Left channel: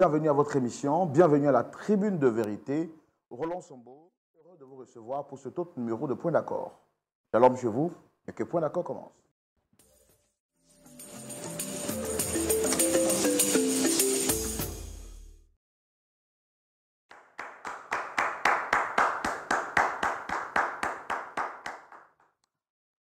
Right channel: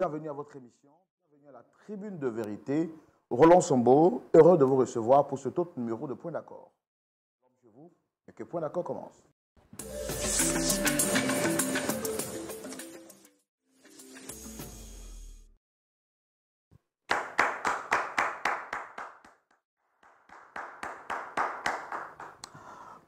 Bienvenue à votre émission, bienvenue à la Tribune de Vérité. Roland Sombo, heureux de vous recevoir pour cet autre numéro de Point d'accord. Shalom chez vous et que Point d'accord commence.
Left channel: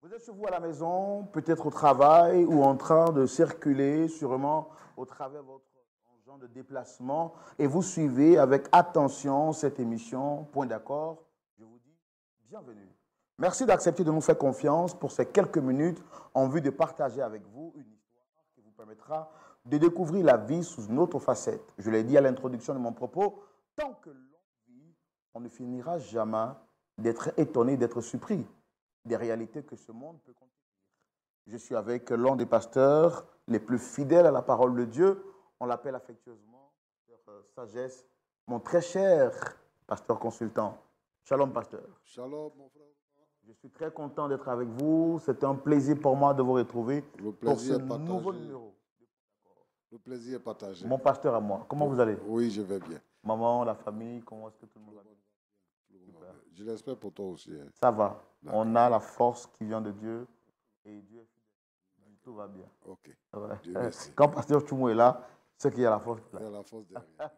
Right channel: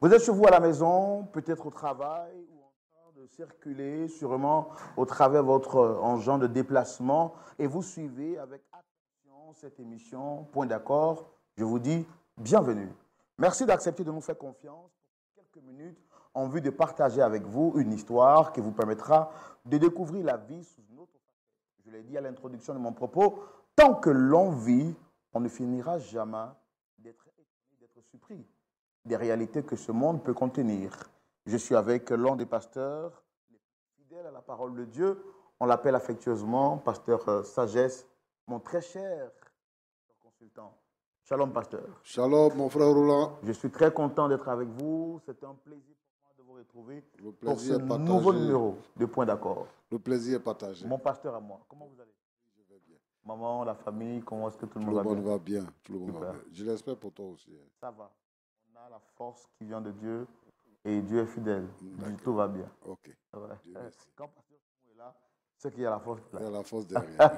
Vous êtes chez vous à la maison, peut-être au travail ou en train de circuler, sûrement au travers de votre engin de déplacement, et vous suivez avec attention cette émission Point d'accord. Je vous dis bienvenue. Merci d'accepter de nous faire confiance pour ces quelques minutes en vue de partager avec vous une histoire qui vous permettra de découvrir la vie sous une autre facette. Je l'ai dit à l'introduction de mon propos, tant que l'on vit, on ne finira jamais d'être étonné, d'être surpris des réalités que ce monde peut contenir. Je suis avec l'un des pasteurs les plus fidèles à la parole de Dieu. On l'appelle affectueusement pasteur Sagesse, mon très cher pasteur consultant. Shalom, pasteur. Shalom, mon frère Roland. Je suis très content d'être avec vous. C'est un plaisir pour moi de vous retrouver pour ce nouveau numéro de Point d'accord. Le plaisir est partagé. Mon pasteur à moi, comment vous allez? Oui, je vais bien. Maman, la famille, comment est-ce que tout le monde va bien? Tout le monde va bien. Tout le monde va bien. Je l'espère pour toi aussi. Hein. Ça va. On a la force qui vient de Dieu et Dieu est fidèle. Tout va bien. Ok. Ouais. Dieu merci. Quand Pasteur Chumou est là, c'est qu'il y a la force. Il y a la force derrière.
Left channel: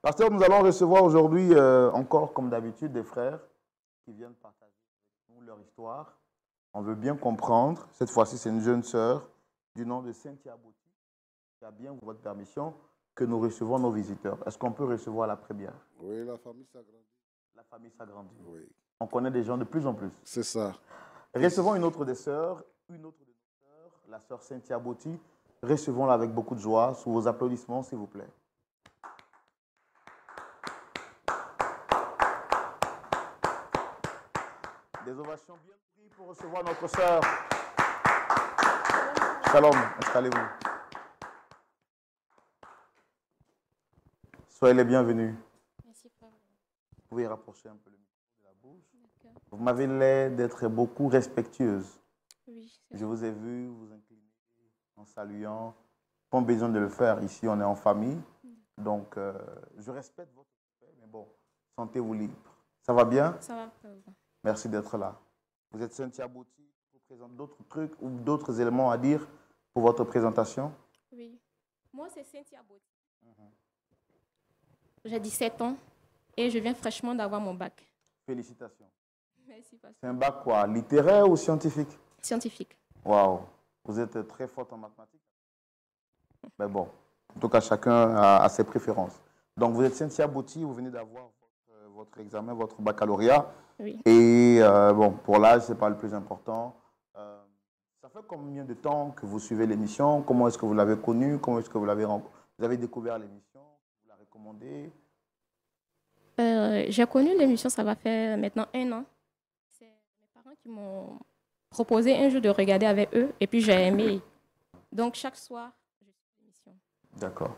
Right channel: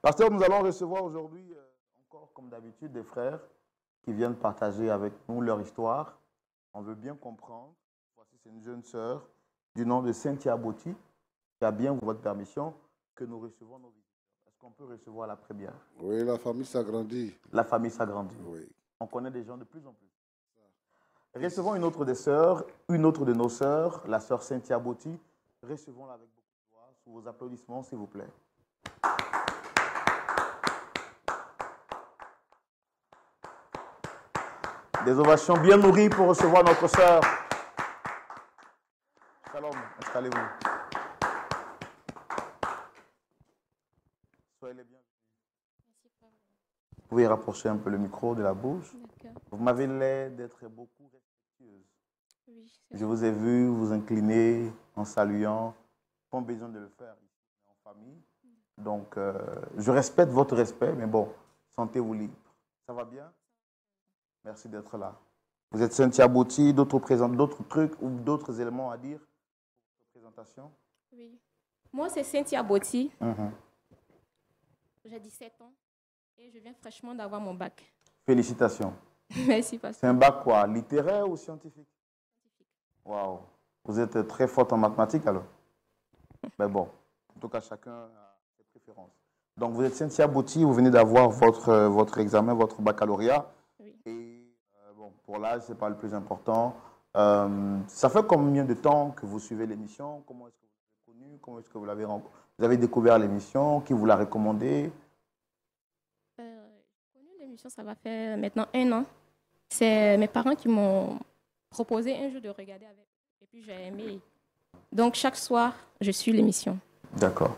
Pasteur, nous allons recevoir aujourd'hui, encore comme d'habitude, des frères qui viennent partager avec nous leur histoire. On veut bien comprendre. Cette fois-ci, c'est une jeune sœur du nom de Cynthia Boti qui a bien votre permission que nous recevons nos visiteurs. Est-ce qu'on peut recevoir la première? Oui, la famille s'agrandit. La famille s'agrandit. Oui. On connaît des gens de plus en plus. C'est ça. Recevons une autre des sœurs, une autre de nos sœurs, la sœur Cynthia Boti. Recevons-la avec beaucoup de joie, sous vos applaudissements, s'il vous plaît. Des ovations bien nourries pour recevoir notre sœur. Shalom, installez-vous. Soyez les bienvenus. Merci, frère. Vous pouvez rapprocher un peu le micro de la bouche. D'accord. Vous m'avez l'air d'être beaucoup respectueuse. Oui, Je vous ai vu vous incliner en saluant. Pas besoin de le faire. Ici, on est en famille. Donc, je respecte votre respect, mais bon, sentez-vous libre. Ça va bien? ça va, frère. Merci d'être là. Vous êtes Cynthia Boti, d'autres trucs ou d'autres éléments à dire pour votre présentation? Oui. Moi, c'est Cynthia Boti. J'ai 17 ans et je viens fraîchement d'avoir mon bac. Félicitations. Merci, pasteur. C'est un bac quoi? Littéraire ou scientifique? Scientifique. Waouh. Vous êtes très forte en mathématiques alors? Mais bon, en tout cas, chacun a ses préférences. Donc, vous êtes Cynthia Boti, vous venez d'avoir votre examen, votre baccalauréat. Oui. Et bon, pour l'âge, ce n'est pas le plus important. Ça fait combien de temps que vous suivez l'émission? Comment est-ce que vous l'avez connue? Comment est-ce que vous avez découvert l'émission? Qui vous l'a recommandée? J'ai connu l'émission, ça va faire maintenant 1 an. C'est mes parents qui m'ont proposé un jour de regarder avec eux et puis j'ai aimé. Donc, chaque soir, je suis l'émission. D'accord.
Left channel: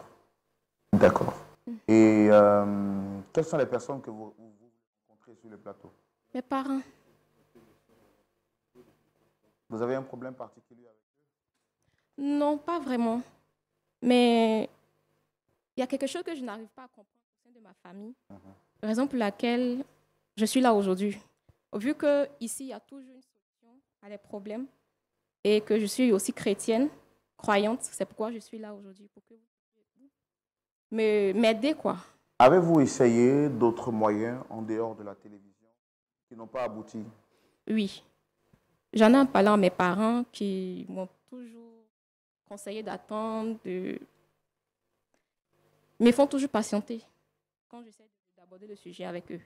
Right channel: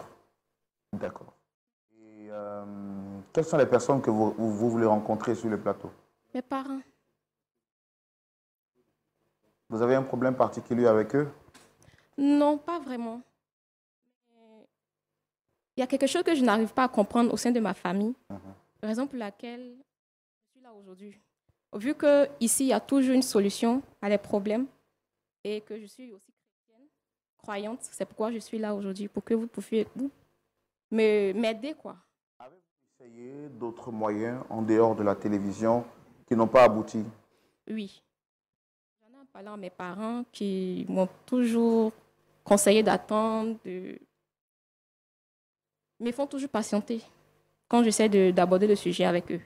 D'accord. Et quelles sont les personnes que vous voulez rencontrer sur le plateau? Mes parents. Vous avez un problème particulier avec eux? Non, pas vraiment. Mais il y a quelque chose que je n'arrive pas à comprendre au sein de ma famille. Raison pour laquelle je suis là aujourd'hui. Vu qu'ici, il y a toujours une solution à les problèmes et que je suis aussi chrétienne, croyante, c'est pourquoi je suis là aujourd'hui, pour que vous puissiez m'aider, quoi. Avez-vous essayé d'autres moyens en dehors de la télévision qui n'ont pas abouti? Oui. J'en ai parlé à mes parents qui m'ont toujours conseillé d'attendre, mais font toujours patienter quand j'essaie d'aborder le sujet avec eux.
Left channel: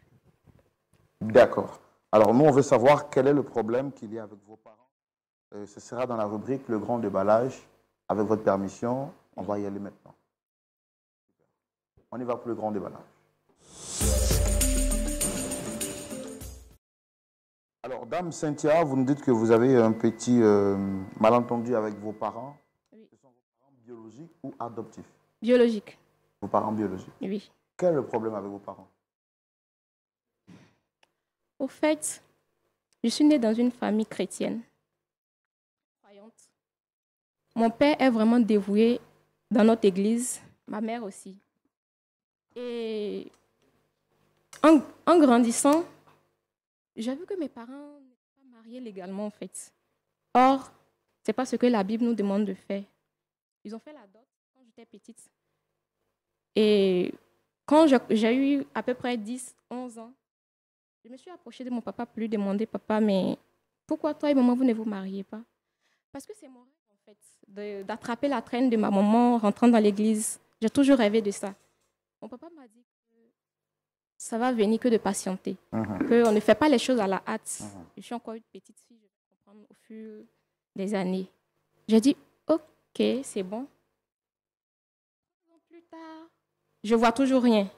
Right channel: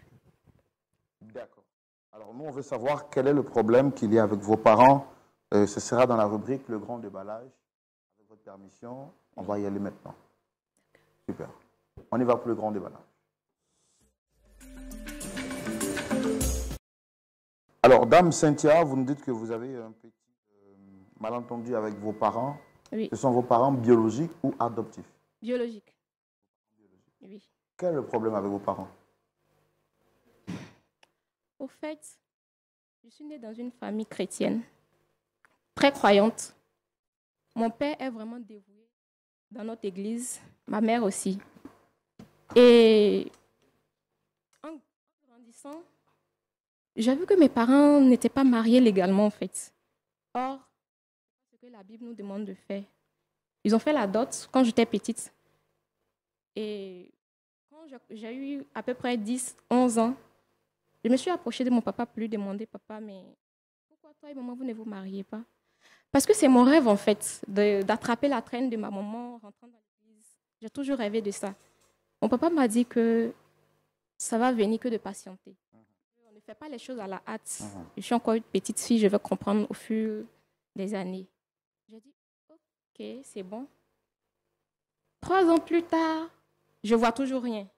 D'accord. Alors, nous, on veut savoir quel est le problème qu'il y a avec vos parents. Ce sera dans la rubrique Le Grand Déballage. Avec votre permission, on va y aller maintenant. Super. On y va pour le grand déballage. Alors, Dame Cynthia, vous nous dites que vous avez un petit malentendu avec vos parents. Oui. Ce sont vos parents biologiques ou adoptifs? Biologique. Vos parents biologiques. Oui. Quel est le problème avec vos parents? Au fait, je suis née dans une famille chrétienne, très croyante. Mon père est vraiment dévoué dans notre église ma mère aussi. Et en grandissant, j'ai vu que mes parents n'étaient pas mariés légalement, en fait. Or, ce n'est pas ce que la Bible nous demande de faire. Ils ont fait la dot quand j'étais petite. Et quand j'ai eu à peu près 10, 11 ans, je me suis approchée de mon papa pour lui demander, papa, mais pourquoi toi et maman, vous ne vous mariez pas? Parce que c'est mon rêve, en fait, d'attraper la traîne de ma maman rentrant dans l'église. J'ai toujours rêvé de ça. Mon papa m'a dit que ça va venir que de patienter, qu'on ne fait pas les choses à la hâte. Je suis encore une petite fille, je vais comprendre au fur des années. J'ai dit, ok, c'est bon. 3 ans plus tard, je ne vois toujours rien.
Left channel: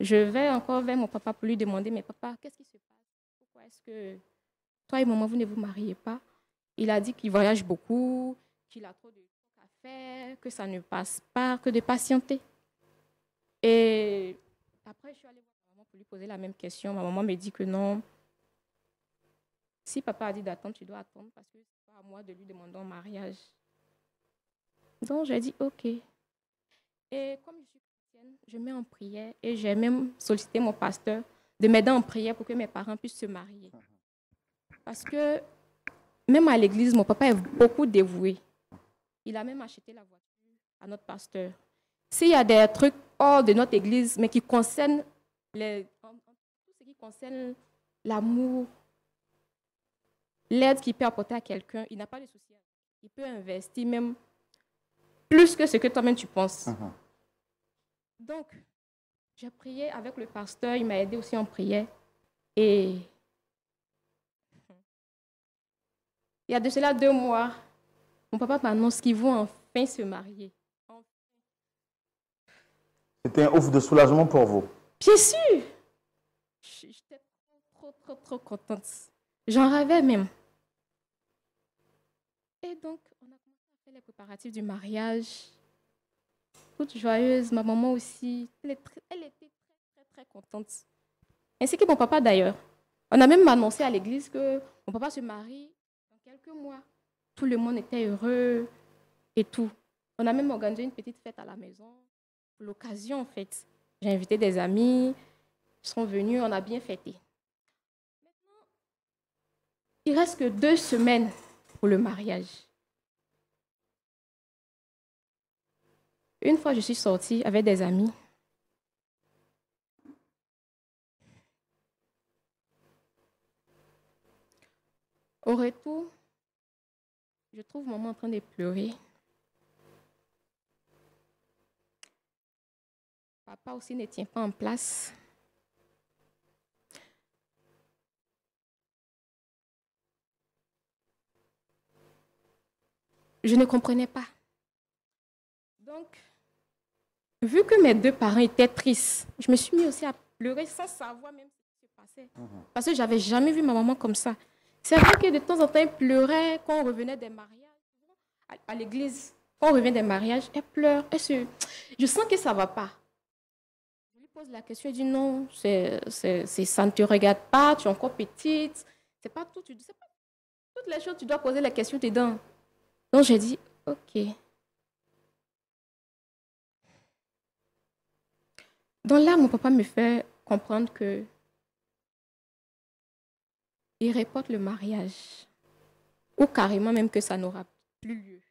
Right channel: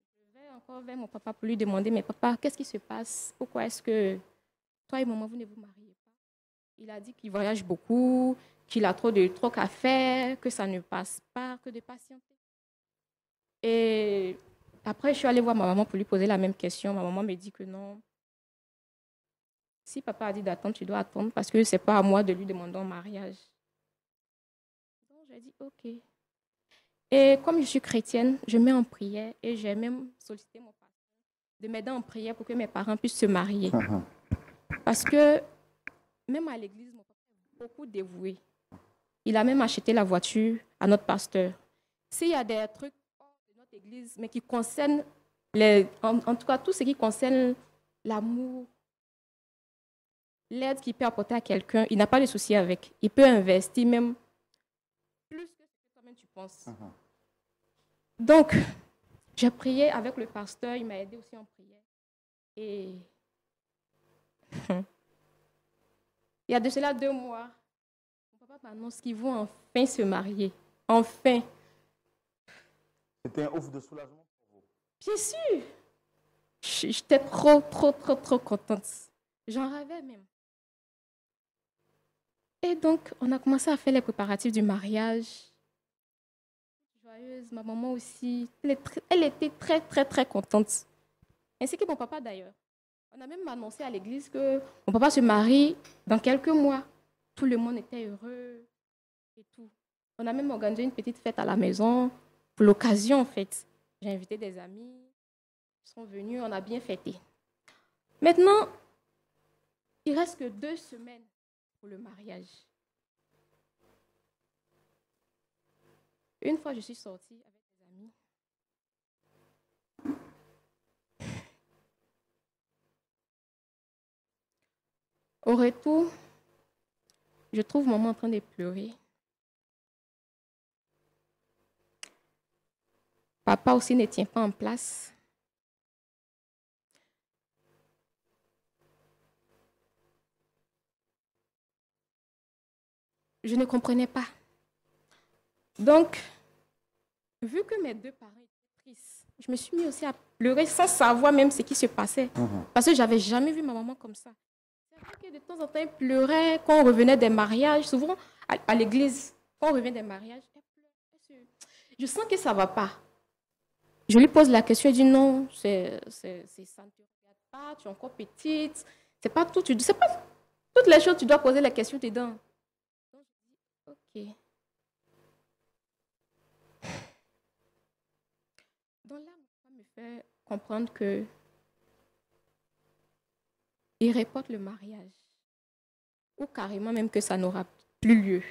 Je vais encore vers mon papa pour lui demander, mais papa, qu'est-ce qui se passe? Pourquoi est-ce que toi et maman, vous ne vous mariez pas? Il a dit qu'il voyage beaucoup, qu'il a trop de trucs à faire, que ça ne passe pas, que de patienter. Et après, je suis allée voir ma maman pour lui poser la même question. Ma maman me dit que non. Si papa a dit d'attendre, tu dois attendre parce que ce n'est pas à moi de lui demander en mariage. Donc, j'ai dit OK. Et comme je suis chrétienne, je mets en prière et j'ai même sollicité mon pasteur de m'aider en prière pour que mes parents puissent se marier. Parce que même à l'église, mon papa est beaucoup dévoué. Il a même acheté la voiture à notre pasteur. S'il y a des trucs hors de notre église, mais qui concernent, en tout cas, tout ce qui concerne l'amour, l'aide qu'il peut apporter à quelqu'un, il n'a pas de souci avec. Il peut investir même plus que ce que toi-même tu penses. Donc, j'ai prié avec le pasteur, il m'a aidé aussi en prière. Et il y a de cela 2 mois, mon papa m'annonce qu'ils vont enfin se marier. Enfin. C'était un ouf de soulagement pour vous. Bien sûr. J'étais trop contente. J'en rêvais même. Et donc, on a commencé à faire les préparatifs du mariage. Toute joyeuse, ma maman aussi. Elle était très contente. Ainsi que mon papa d'ailleurs. On a même annoncé à l'église que mon papa se marie dans quelques mois. Tout le monde était heureux et tout. On a même organisé une petite fête à la maison pour l'occasion en fait. J'ai invité des amis, ils sont venus, on a bien fêté. Maintenant, il reste que 2 semaines pour le mariage. Une fois, je suis sortie avec des amis. Au retour, je trouve maman en train de pleurer. Papa aussi ne tient pas en place. Je ne comprenais pas. Donc, vu que mes 2 parents étaient tristes, je me suis mis aussi à pleurer sans savoir même ce qui se passait. Parce que je n'avais jamais vu ma maman comme ça. C'est vrai que de temps en temps, elle pleurait quand on revenait des mariages. Souvent, à l'église, quand on revient des mariages, elle pleure. Je sens que ça ne va pas. Je lui pose la question, elle dit non, ça ne te regarde pas, tu es encore petite. C'est pas tout, c'est pas toutes les choses, tu dois poser la question dedans. Donc, j'ai dit, OK. Donc là, mon papa me fait comprendre que il reporte le mariage. Ou carrément même que ça n'aura plus lieu.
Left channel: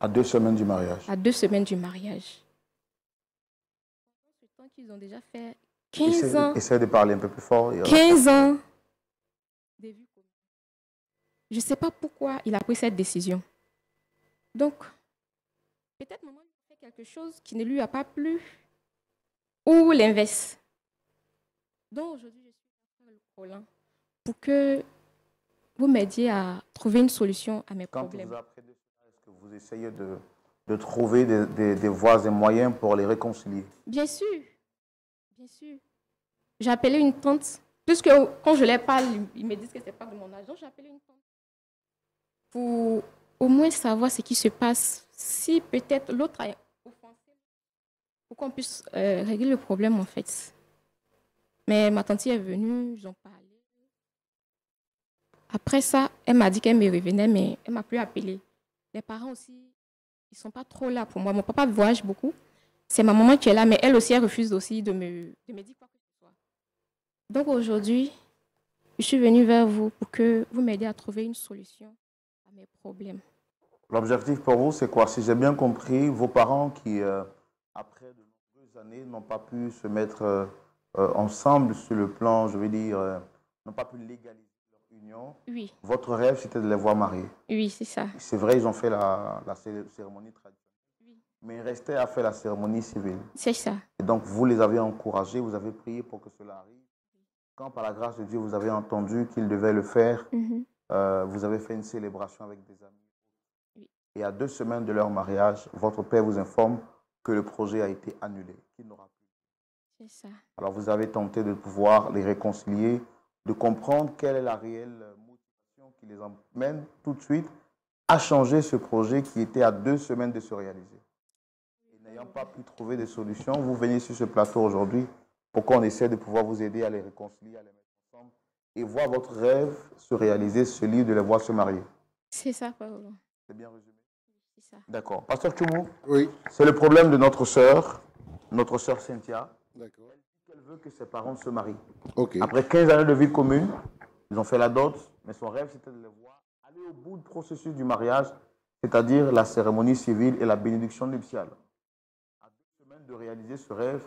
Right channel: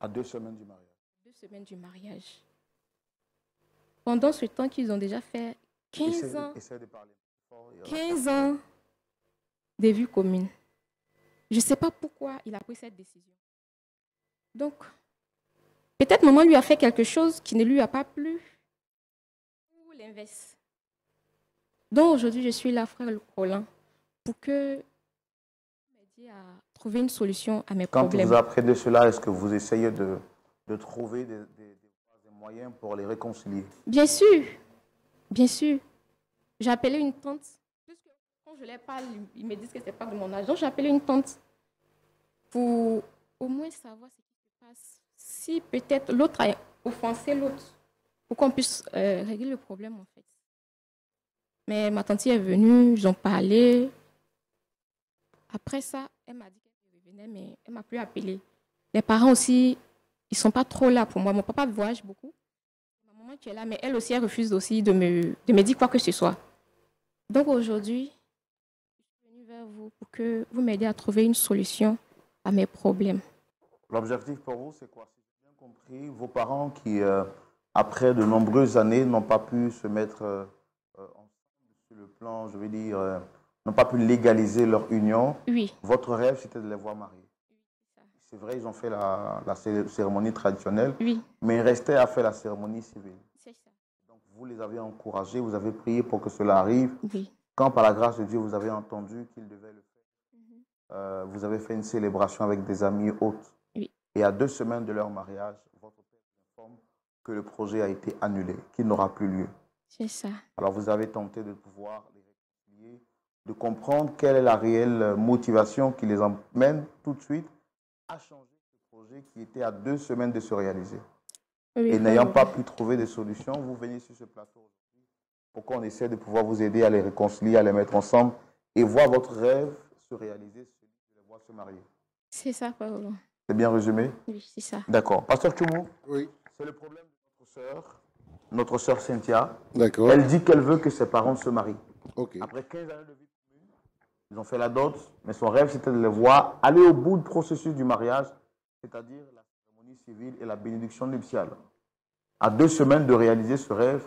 À 2 semaines du mariage. À 2 semaines du mariage. Pendant ce temps qu'ils ont déjà fait 15 ans. Essaye de parler un peu plus fort. 15 ans de vie commune. Je ne sais pas pourquoi il a pris cette décision. Donc, peut-être maman lui a fait quelque chose qui ne lui a pas plu. Ou l'inverse. Donc aujourd'hui, je suis là, frère Colin, pour que vous m'aidiez à trouver une solution à mes problèmes. Quand vous apprenez cela, est-ce que vous essayez de trouver des voies et moyens pour les réconcilier? Bien sûr. Bien sûr. J'ai appelé une tante. Puisque quand je les parle, ils me disent que ce n'est pas de mon âge. Donc j'ai appelé une tante pour au moins savoir ce qui se passe. Si peut-être l'autre a offensé l'autre. Pour qu'on puisse régler le problème en fait. Mais ma tante est venue, ils ont parlé. Après ça, elle m'a dit qu'elle me revenait, mais elle ne m'a plus appelé. Les parents aussi, ils ne sont pas trop là pour moi. Mon papa voyage beaucoup. C'est ma maman qui est là, mais elle aussi, elle refuse aussi de me dire quoi que ce soit. Donc aujourd'hui, je suis venue vers vous pour que vous m'aidiez à trouver une solution à mes problèmes. L'objectif pour vous, c'est quoi? Si j'ai bien compris, vos parents qui, après de nombreuses années, n'ont pas pu se mettre ensemble sur le plan, je veux dire, n'ont pas pu légaliser leur union. Oui. Votre rêve, c'était de les voir mariés. Oui, c'est ça. C'est vrai, ils ont fait la cérémonie traditionnelle, Oui. mais il restait à faire la cérémonie civile. C'est ça. Et donc, vous les avez encouragés, vous avez prié pour que cela arrive. Oui. Quand, par la grâce de Dieu, vous avez entendu qu'ils devaient le faire, Mhm. vous avez fait une célébration avec des amis hôtes. Oui. Et à 2 semaines de leur mariage, votre père vous informe que le projet a été annulé, qu'il n'aura plus lieu. C'est ça. Alors, vous avez tenté de pouvoir les réconcilier, de comprendre quelle est la réelle motivation qui les emmène tout de suite à changer ce projet qui était à 2 semaines de se réaliser. Oui, Et n'ayant pas pu trouver de solution, vous venez sur ce plateau aujourd'hui pour qu'on essaie de pouvoir vous aider à les réconcilier, à les mettre ensemble et voir votre rêve se réaliser, celui de les voir se marier. C'est ça, Paolo. C'est bien résumé? Oui, c'est ça. D'accord. Pasteur Tchoumou, Oui, c'est le problème de notre sœur Cynthia. d'accord. Elle dit qu'elle veut que ses parents se marient. Ok. Après 15 années de vie commune, ils ont fait la dot, mais son rêve, c'était de les voir aller au bout du processus du mariage, c'est-à-dire la cérémonie civile et la bénédiction nuptiale. À 2 semaines de réaliser ce rêve,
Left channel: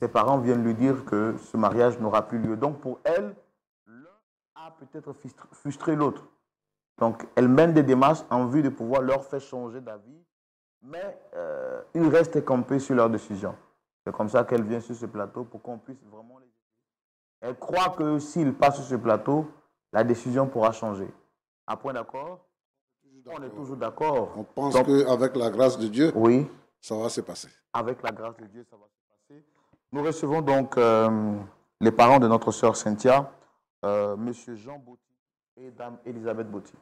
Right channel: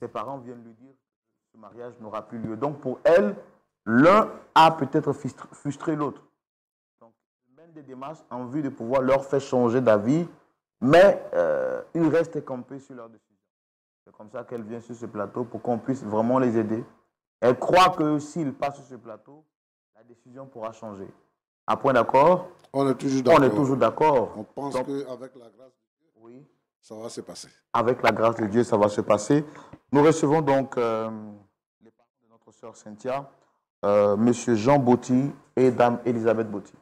ses parents viennent lui dire que ce mariage n'aura plus lieu. Donc pour elle, l'un a peut-être frustré l'autre. Donc elle mène des démarches en vue de pouvoir leur faire changer d'avis, mais ils restent campés sur leur décision. C'est comme ça qu'elle vient sur ce plateau pour qu'on puisse vraiment les aider. Elle croit que s'ils passent sur ce plateau, la décision pourra changer. À point d'accord? On est toujours d'accord. On est toujours d'accord. On pense Donc, qu'avec la grâce de Dieu, oui, ça va se passer. avec la grâce de Dieu, ça va se passer. Nous recevons donc les parents de notre sœur Cynthia, Monsieur Jean Botti et Dame Elisabeth Botti.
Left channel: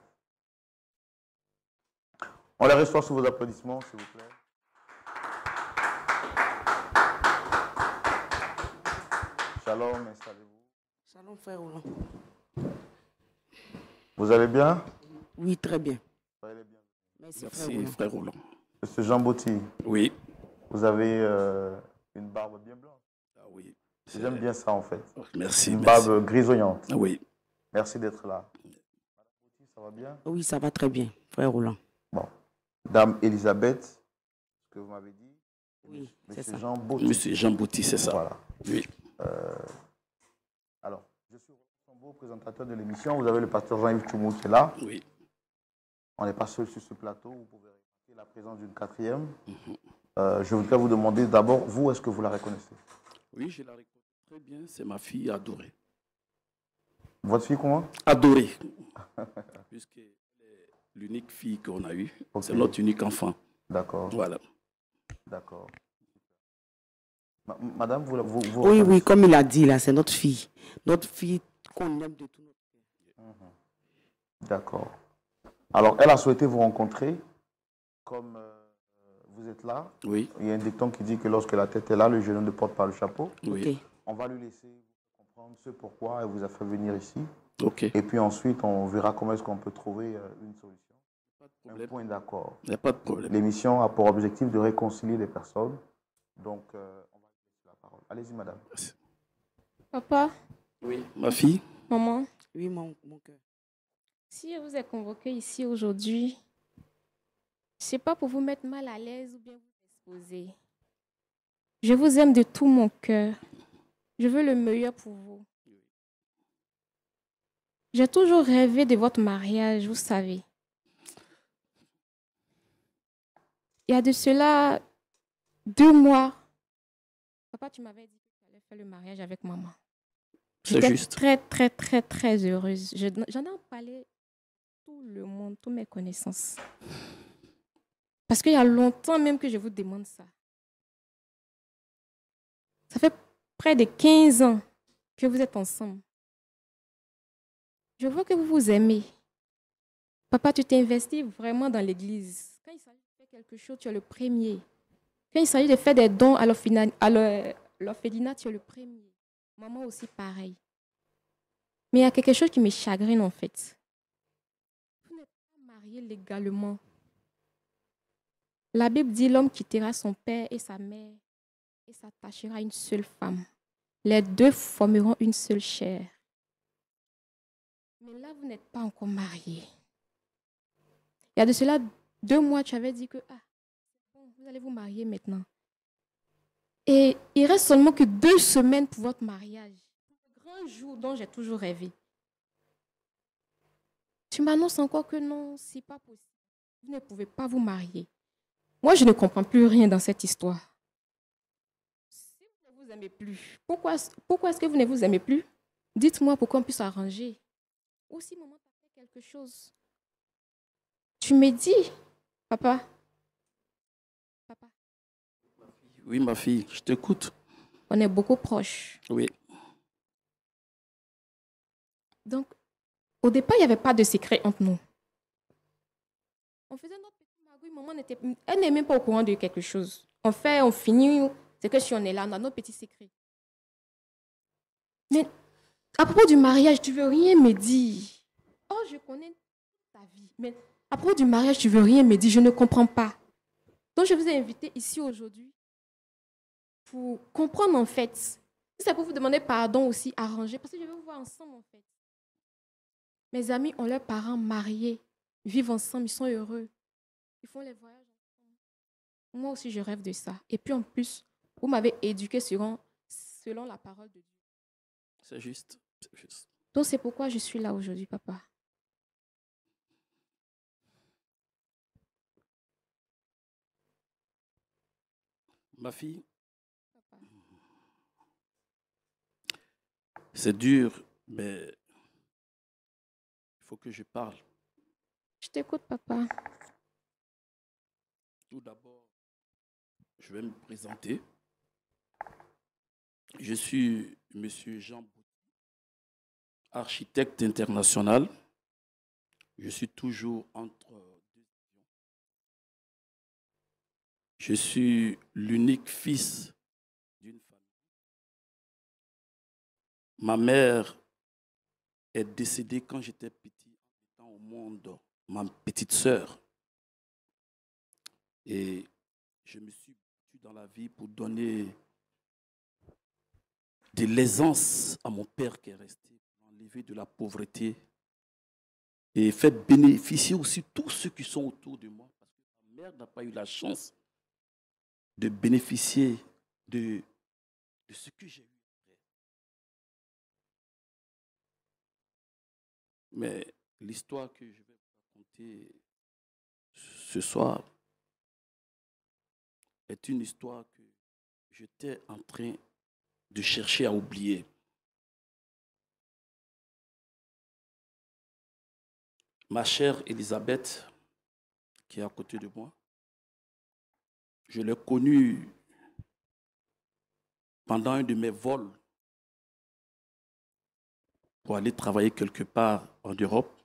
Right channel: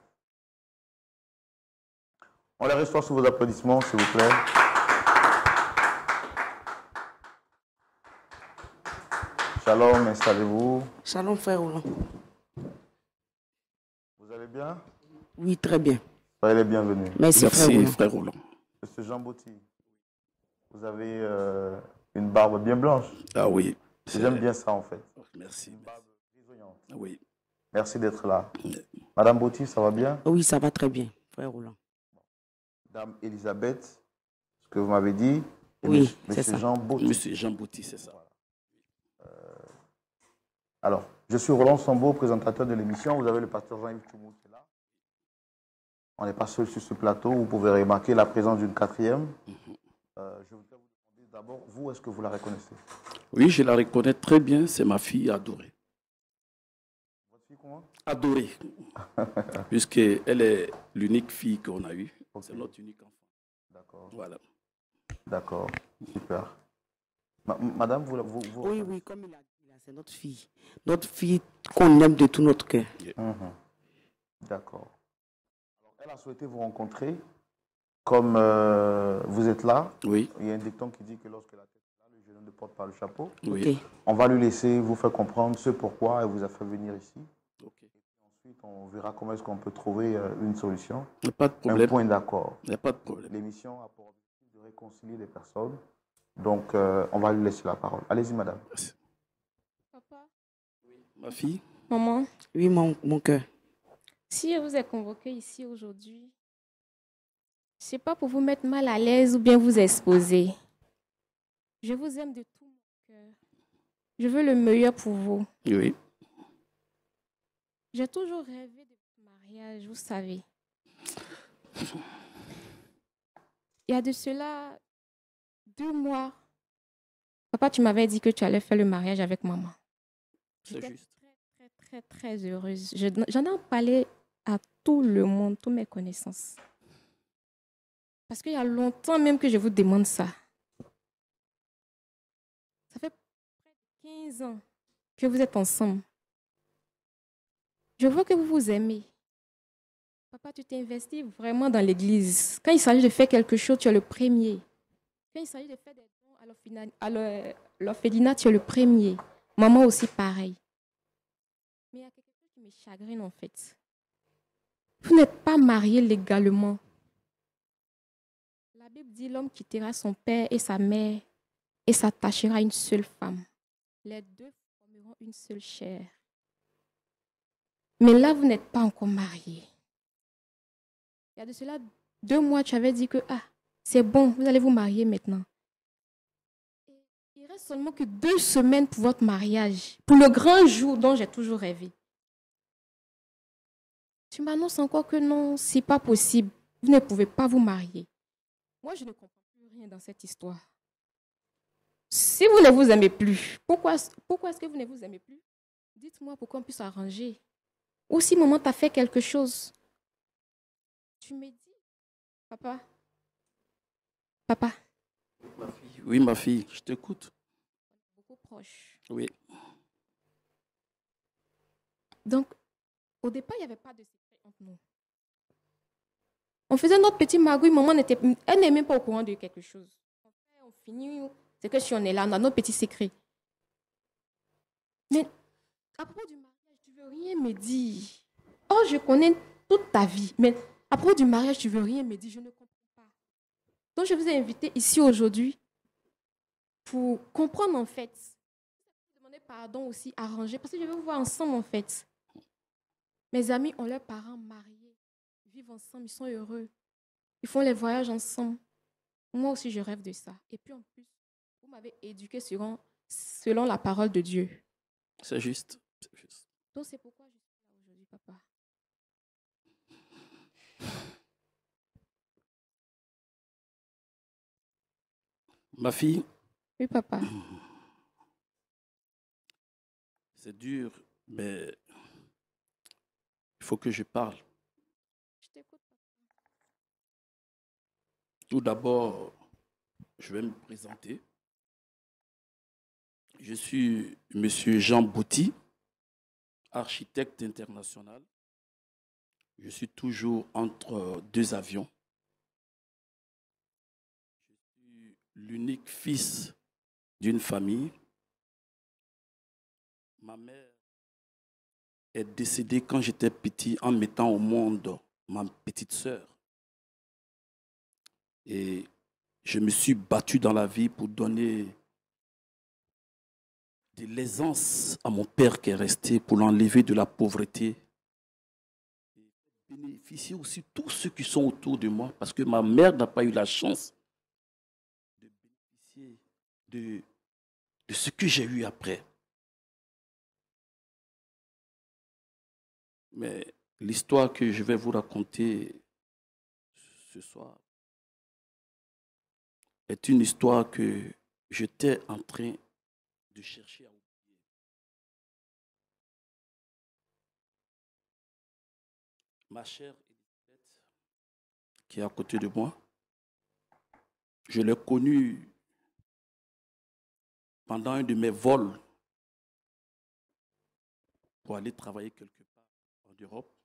On les reçoit sous vos applaudissements, s'il vous plaît. Shalom, installez-vous. Shalom, frère Roland. Vous allez bien? Oui, très bien. Soyez les bienvenus. Merci, Merci, frère frère Roland. Monsieur Jean Botti, Oui. vous avez une barbe bien blanche. Ah oui. J'aime bien ça, en fait. Merci. Une merci. barbe grisonnante. Ah oui. Merci d'être là. Madame Botti, ça va bien? Roland. Oui, ça va très bien, frère Roland. Bon. Dame Elisabeth, ce que vous m'avez dit. Et Oui, monsieur, c'est monsieur ça. Jean Botti. Monsieur Jean Bouty, c'est ça. Voilà. Oui. Alors, je suis Roland Sambo, présentateur de l'émission. Vous avez le pasteur Jean-Yves Tchoumou qui est là. Oui. On n'est pas seul sur ce plateau. Vous pouvez remarquer la présence d'une quatrième. Je voudrais vous demander d'abord, vous, est-ce que vous la reconnaissez? Oui, je la reconnais très bien. C'est ma fille adorée. Votre fille, comment? Adorée. Puisqu'elle est l'unique fille qu'on a eue. Ok. C'est notre unique enfant. D'accord, Voilà. d'accord, super. Madame, vous Oui, oui, comme il a dit là, c'est notre fille. Notre fille qu'on aime de tout notre cœur. D'accord. Alors, elle a souhaité vous rencontrer. Comme vous êtes là, Oui. il y a un dicton qui dit que lorsque la tête est là, le genou ne porte pas le chapeau. Oui. Ok. On va lui laisser vous faire comprendre ce pourquoi elle vous a fait venir ici. OK. Et puis ensuite, on verra comment est-ce qu'on peut trouver une solution, Il n'y a pas de un problème. point d'accord. Il n'y a pas de problème. L'émission a pour objectif de réconcilier les personnes. Donc, on va lui laisser la parole. Allez-y, madame. Papa, Oui. Ma fille? maman, Oui, mon cœur. si je vous ai convoqué ici aujourd'hui, ce n'est pas pour vous mettre mal à l'aise ou bien vous exposer. Je vous aime de tout mon cœur. Je veux le meilleur pour vous. Oui. J'ai toujours rêvé de votre mariage, vous savez. Il y a de cela 2 mois, papa, tu m'avais dit que tu allais faire le mariage avec maman. C'est J'étais juste. très, très, très, très heureuse. J'en ai parlé à tout le monde, toutes mes connaissances. Parce qu'il y a longtemps même que je vous demande ça. Ça fait près de 15 ans que vous êtes ensemble. Je vois que vous vous aimez. Papa, tu t'es investi vraiment dans l'église. Quand il s'agit de faire quelque chose, tu es le premier. Quand il s'agit de faire des dons à l'orphelinat, tu es le premier. Maman aussi, pareil. Mais il y a quelque chose qui me chagrine, en fait. Vous n'êtes pas mariés légalement. La Bible dit l'homme quittera son père et sa mère et s'attachera à une seule femme. Les deux formeront une seule chair. Mais là, vous n'êtes pas encore mariés. Il y a de cela 2 mois, tu avais dit que c'est bon, vous allez vous marier maintenant. Et il reste seulement que 2 semaines pour votre mariage, pour le grand jour dont j'ai toujours rêvé. Tu m'annonces encore que non, c'est pas possible. Vous ne pouvez pas vous marier. Moi, je ne comprends plus rien dans cette histoire. Si vous ne vous aimez plus, pourquoi est-ce que vous ne vous aimez plus? Dites-moi pour qu'on puisse arranger. Ou si maman t'a fait quelque chose, tu me dis, papa. Oui, ma fille, je t'écoute. On est beaucoup proches. Oui. Donc, au départ, il n'y avait pas de secret entre nous. On faisait notre petit magouille, maman elle n'est même pas au courant de quelque chose. On fait, on finit, c'est que si on est là, on a notre petit secret. Mais à propos du mariage, tu veux rien me dire. Oh, je connais toute ta vie, mais à propos du mariage, tu veux rien me dire, je ne comprends pas. Donc, je vous ai invité ici aujourd'hui pour comprendre en fait. Si c'est pour vous demander pardon aussi, arranger, parce que je veux vous voir ensemble en fait. Mes amis ont leurs parents mariés, ils vivent ensemble, ils sont heureux. Ils font les voyages ensemble. Moi aussi, je rêve de ça. Et puis en plus, vous m'avez éduqué selon la parole de Dieu. C'est juste. C'est juste. Donc c'est pourquoi je suis là aujourd'hui, papa. Ma fille. Oui, papa. C'est dur, mais il faut que je parle. Je t'écoute, papa. Tout d'abord, je vais me présenter. Je suis M. Jean Bouty, architecte international. Je suis toujours entre 2 avions. Je suis l'unique fils d'une famille. Ma mère est décédée quand j'étais petit en mettant au monde ma petite sœur. Et je me suis battu dans la vie pour donner de l'aisance à mon père qui est resté, pour l'enlever de la pauvreté et faire bénéficier aussi tous ceux qui sont autour de moi, parce que ma mère n'a pas eu la chance de bénéficier de ce que j'ai eu après. Mais l'histoire que je vais vous raconter ce soir est une histoire que j'étais en train de chercher à oublier. Ma chère Elisabeth, qui est à côté de moi, je l'ai connue pendant un de mes vols pour aller travailler quelque part en Europe.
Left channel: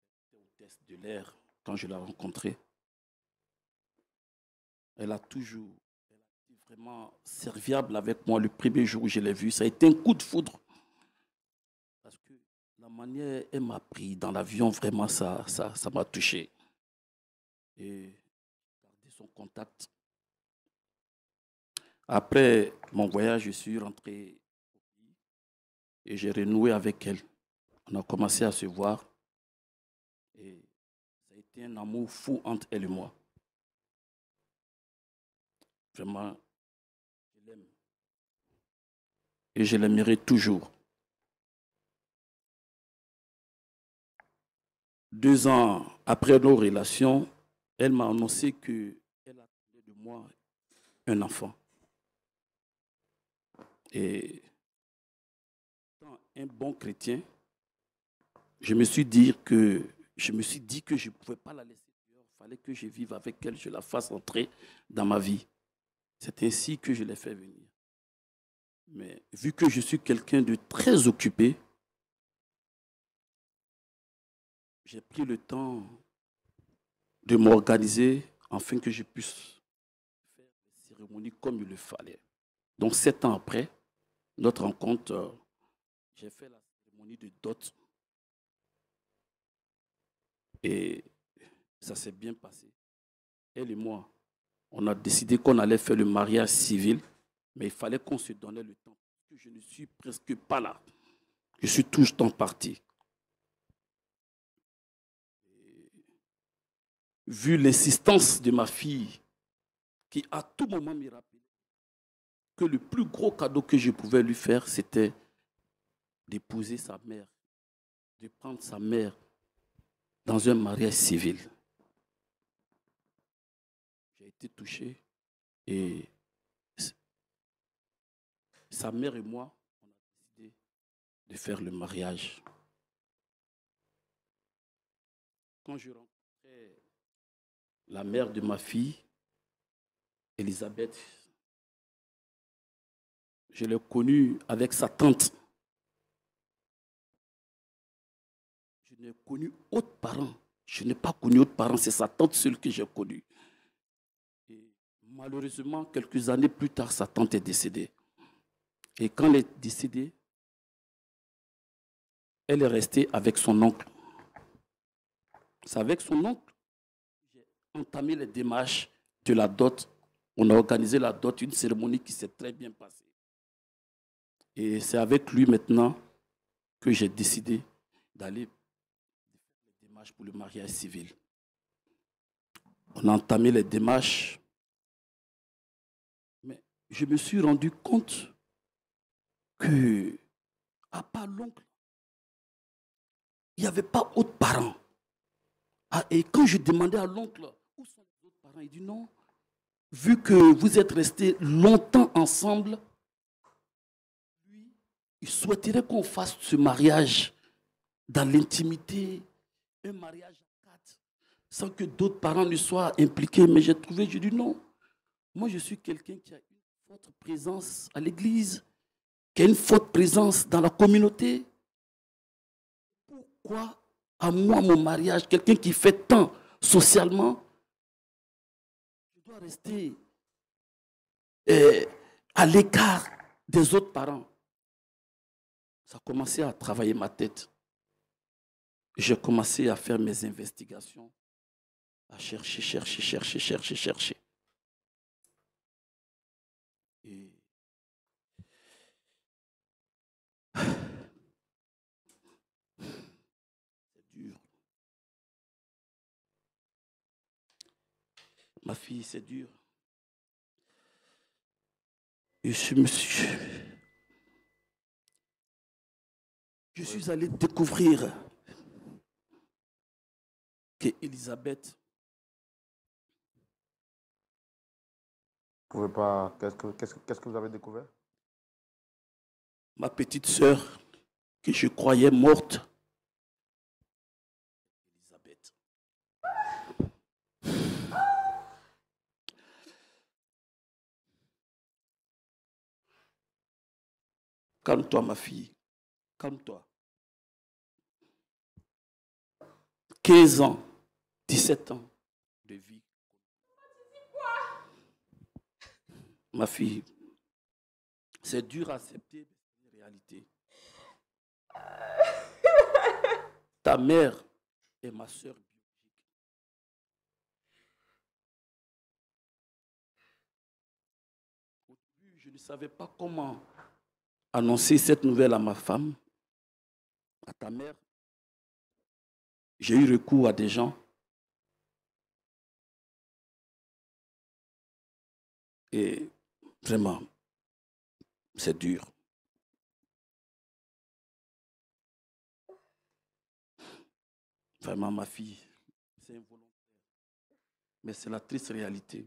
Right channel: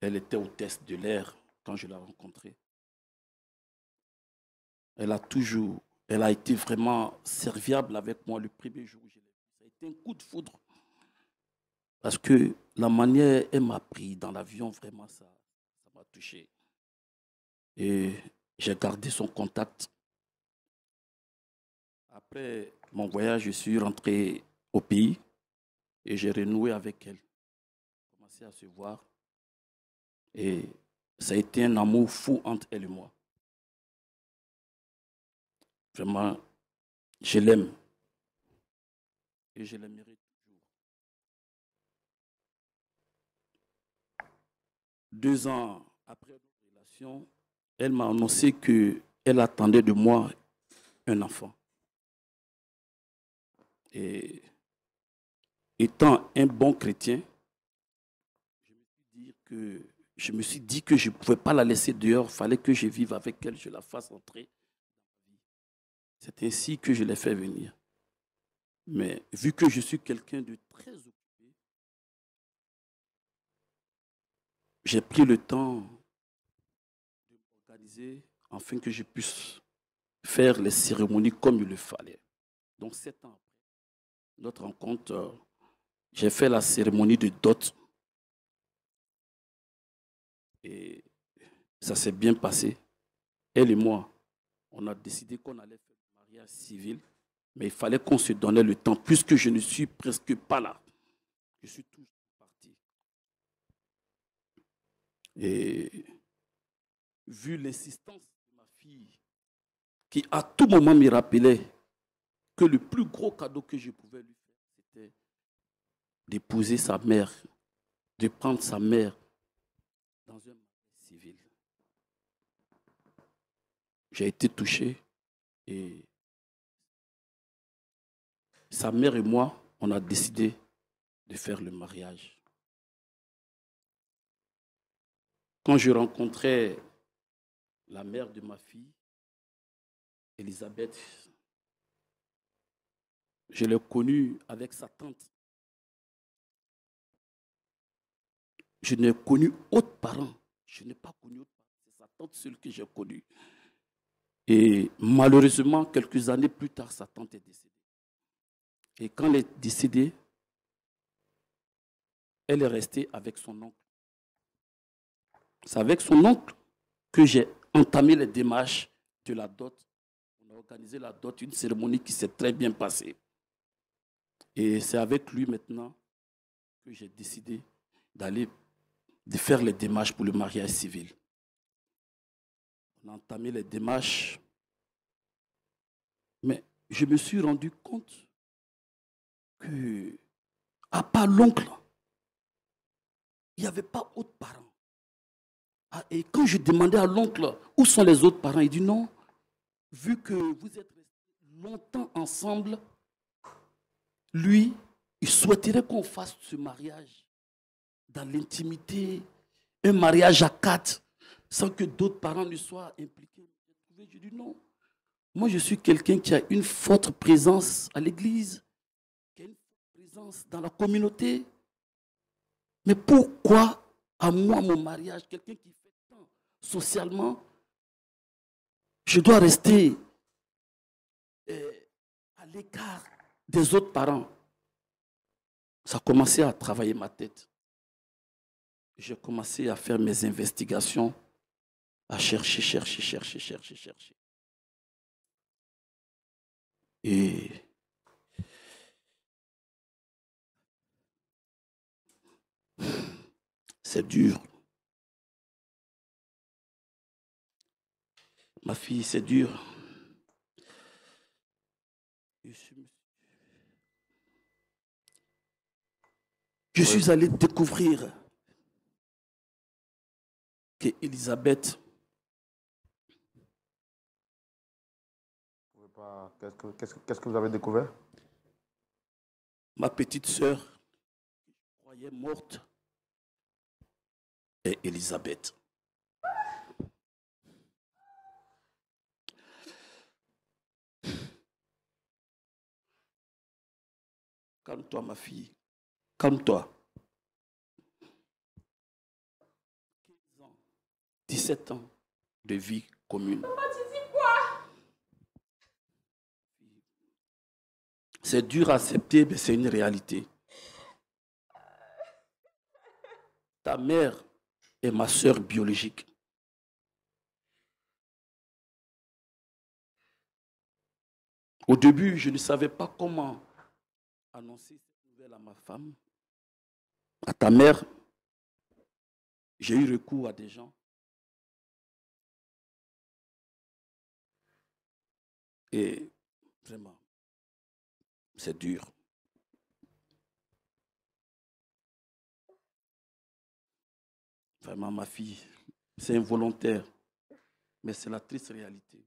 Elle était hôtesse de l'air quand je l'ai rencontrée. Elle a été vraiment serviable avec moi le premier jour où je l'ai vue. Ça a été un coup de foudre. Parce que la manière elle m'a pris dans l'avion, vraiment, ça m'a touché. Et j'ai gardé son contact. Après mon voyage, je suis rentré au pays et j'ai renoué avec elle. On a commencé à se voir et ça a été un amour fou entre elle et moi. Vraiment, je l'aime et je l'aimerai toujours. 2 ans après nos relations, elle m'a annoncé qu'elle attendait de moi un enfant. Et étant un bon chrétien, je me suis dit que je ne pouvais pas la laisser dehors. Il fallait que je vive avec elle, je la fasse entrer dans ma vie. C'est ainsi que je l'ai fait venir. Mais vu que je suis quelqu'un de très occupé, j'ai pris le temps de m'organiser afin que je puisse faire les cérémonies comme il le fallait. Donc 7 ans après notre rencontre, j'ai fait la cérémonie de dot et ça s'est bien passé. elle et moi, on a décidé qu'on allait faire le mariage civil, mais il fallait qu'on se donnait le temps, puisque je ne suis presque pas là. Je suis tout le temps parti. Et vu l'insistance de ma fille, qui à tout moment me rappelait que le plus gros cadeau que je pouvais lui faire, c'était d'épouser sa mère, de prendre sa mère dans un mariage civil. J'ai été touché et sa mère et moi, on a décidé de faire le mariage. Quand je rencontrais la mère de ma fille, Elisabeth, je l'ai connue avec sa tante. Je n'ai connu autre parent. Je n'ai pas connu autre parent, c'est sa tante seule que j'ai connue. Et malheureusement, quelques années plus tard, sa tante est décédée. Et quand elle est décédée, elle est restée avec son oncle. C'est avec son oncle que j'ai entamé les démarches de la dot. On a organisé la dot, une cérémonie qui s'est très bien passée. Et c'est avec lui maintenant que j'ai décidé de faire les démarches pour le mariage civil. On a entamé les démarches, mais je me suis rendu compte que, à part l'oncle, il n'y avait pas d'autres parents. Et quand je demandais à l'oncle où sont les autres parents, il dit non, vu que vous êtes restés longtemps ensemble, lui, il souhaiterait qu'on fasse ce mariage dans l'intimité, un mariage à quatre, sans que d'autres parents ne soient impliqués. Mais j'ai dit non. Moi, je suis quelqu'un qui a une forte présence à l'église, qui a une forte présence dans la communauté. Mais pourquoi, à moi, mon mariage, quelqu'un qui fait tant socialement, je dois rester à l'écart des autres parents? Ça a commencé à travailler ma tête. J'ai commencé à faire mes investigations, à chercher. Et c'est dur. Ma fille, c'est dur. Et je suis allé découvrir que Elisabeth, Vous pouvez pas. Qu'est-ce que vous avez découvert? ma petite sœur, que je croyais morte, est Elisabeth. Calme-toi, ma fille. Calme-toi. 15 ans, 17 ans de vie commune. Papa, tu dis quoi? Ma fille, c'est dur à accepter, mais c'est une réalité. Ta mère est ma sœur biologique. Au début, je ne savais pas comment annoncer cette nouvelle à ma femme, à ta mère. J'ai eu recours à des gens. Et vraiment, c'est dur. Vraiment, ma fille, c'est involontaire, mais c'est la triste réalité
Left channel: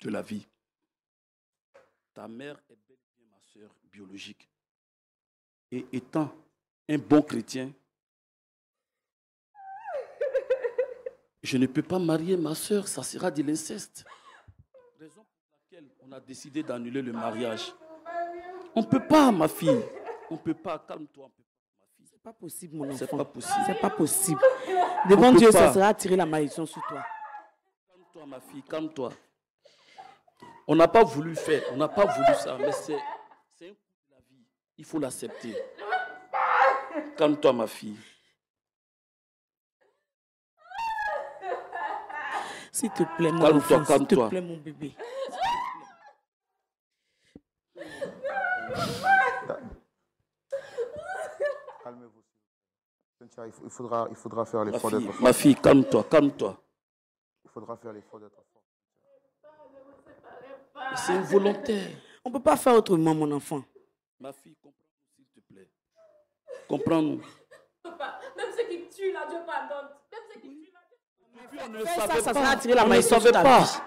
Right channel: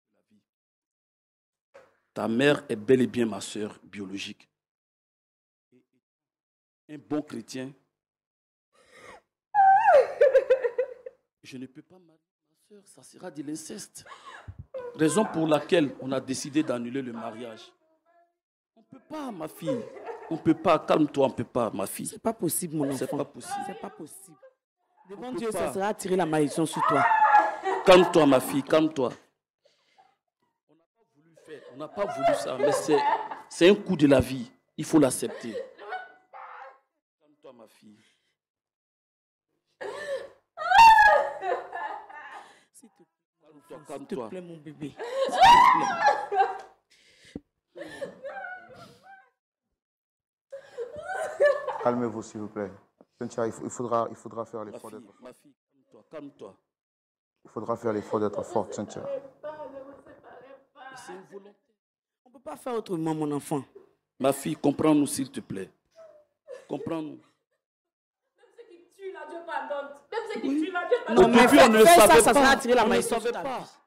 de la vie. Ta mère est bel et bien ma sœur biologique. Et étant un bon chrétien, je ne peux pas marier ma sœur, ça sera de l'inceste. Raison pour laquelle on a décidé d'annuler le mariage. On ne peut pas, ma fille. On ne peut pas. Calme-toi, on ne peut pas, ma fille. C'est pas possible, mon enfant. C'est pas possible. C'est pas possible. Devant Dieu, ça sera attirer la malédiction sur toi. Calme-toi, ma fille, calme-toi. On n'a pas voulu faire, on n'a pas voulu ça, mais c'est un coup de la vie. Il faut l'accepter. Calme-toi, ma fille. S'il te plaît, mon Calme-toi, enfant, s'il te calme-toi. plaît, mon bébé. S'il te plaît. Calmez-vous, s'il vous plaît. Cynthia, il faudra faire l'effort d'être forte. Ma fille, calme-toi, calme-toi. Il faudra faire l'effort d'être forte, Cynthia. C'est involontaire. On ne peut pas faire autrement, mon enfant. Ma fille, comprends-nous, s'il te plaît. Comprends-nous. Papa, même ceux qui tuent là, Dieu pardonne. Même ceux qui tuent là, Dieu Non, pardonne. mais Depuis, on ne le fais ça, savait ça pas. sera attirer la On ne le malédiction savait sur ta pas. vie.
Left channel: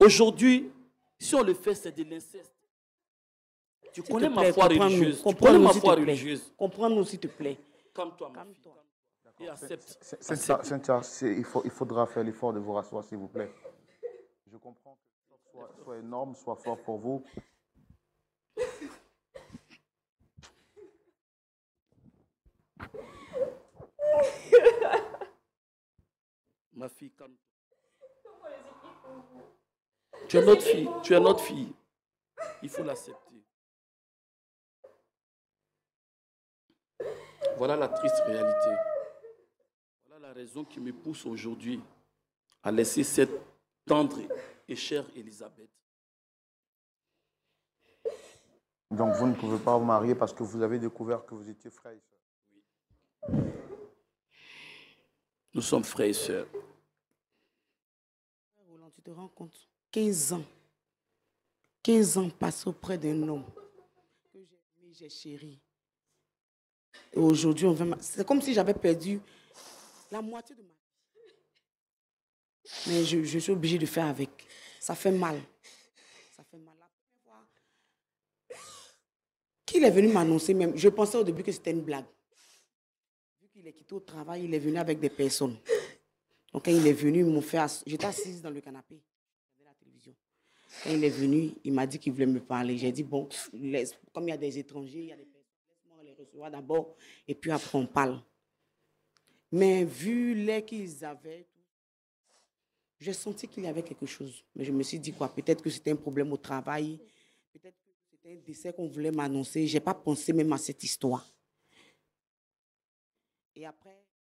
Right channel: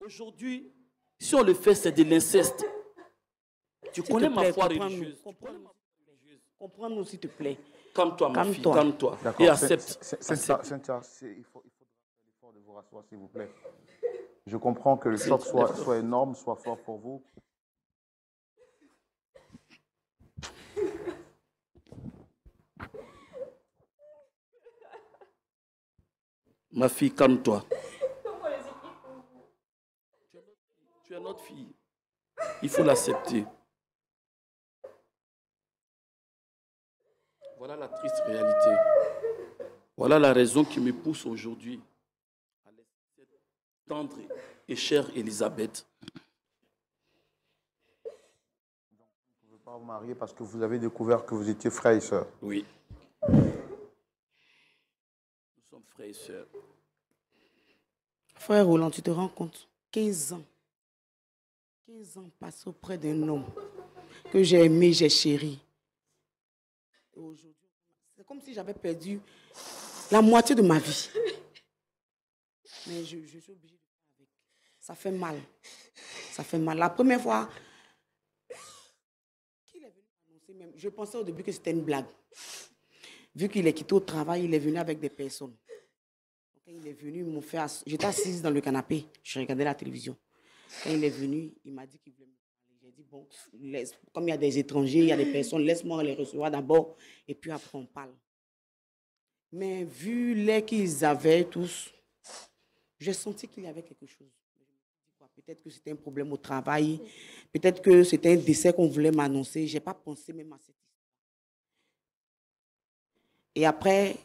Aujourd'hui, si on le fait, c'est de l'inceste. Tu S'il te connais ma plaît, foi comprends-nous, religieuse. Tu connais comprends-nous, ma s'il foi te plaît. religieuse. Comprends-nous, s'il te plaît. Calme-toi, ma fille, Calme-toi. calme-toi. D'accord. Et accepte. Cynthia, il faudra faire l'effort de vous rasseoir, s'il vous plaît. Je comprends que le choc soit énorme, soit fort pour vous. Ma fille, calme-toi. Tu es notre fille, tu es notre fille. Il faut l'accepter. Voilà la triste réalité. Voilà la raison qui me pousse aujourd'hui à laisser cette tendre et chère Elisabeth. Donc vous ne pouvez pas vous marier parce que vous avez découvert que vous étiez frères et sœurs. Oui. Nous sommes frères et sœurs. Frère Roland, tu te rends compte? 15 ans. 15 ans passés auprès d'un homme que j'ai aimé, j'ai chéri. Et aujourd'hui, c'est comme si j'avais perdu la moitié de ma vie. Mais je suis obligée de faire avec. Ça fait mal. Ça fait mal. La première fois qu'il est venu m'annoncer, même, je pensais au début que c'était une blague. Vu qu'il est quitté au travail, il est venu avec des personnes. Donc quand il est venu, j'étais assise dans le canapé, je regardais la télévision. Quand il est venu, il m'a dit qu'il voulait me parler. J'ai dit, bon, comme il y a des étrangers, il y a des personnes, laisse-moi les recevoir d'abord, et puis après on parle. Mais vu l'air qu'ils avaient tous, j'ai senti qu'il y avait quelque chose. Mais je me suis dit quoi, peut-être que c'était un problème au travail, peut-être que c'était un décès qu'on voulait m'annoncer. Je n'ai pas pensé même à cette histoire. Et après,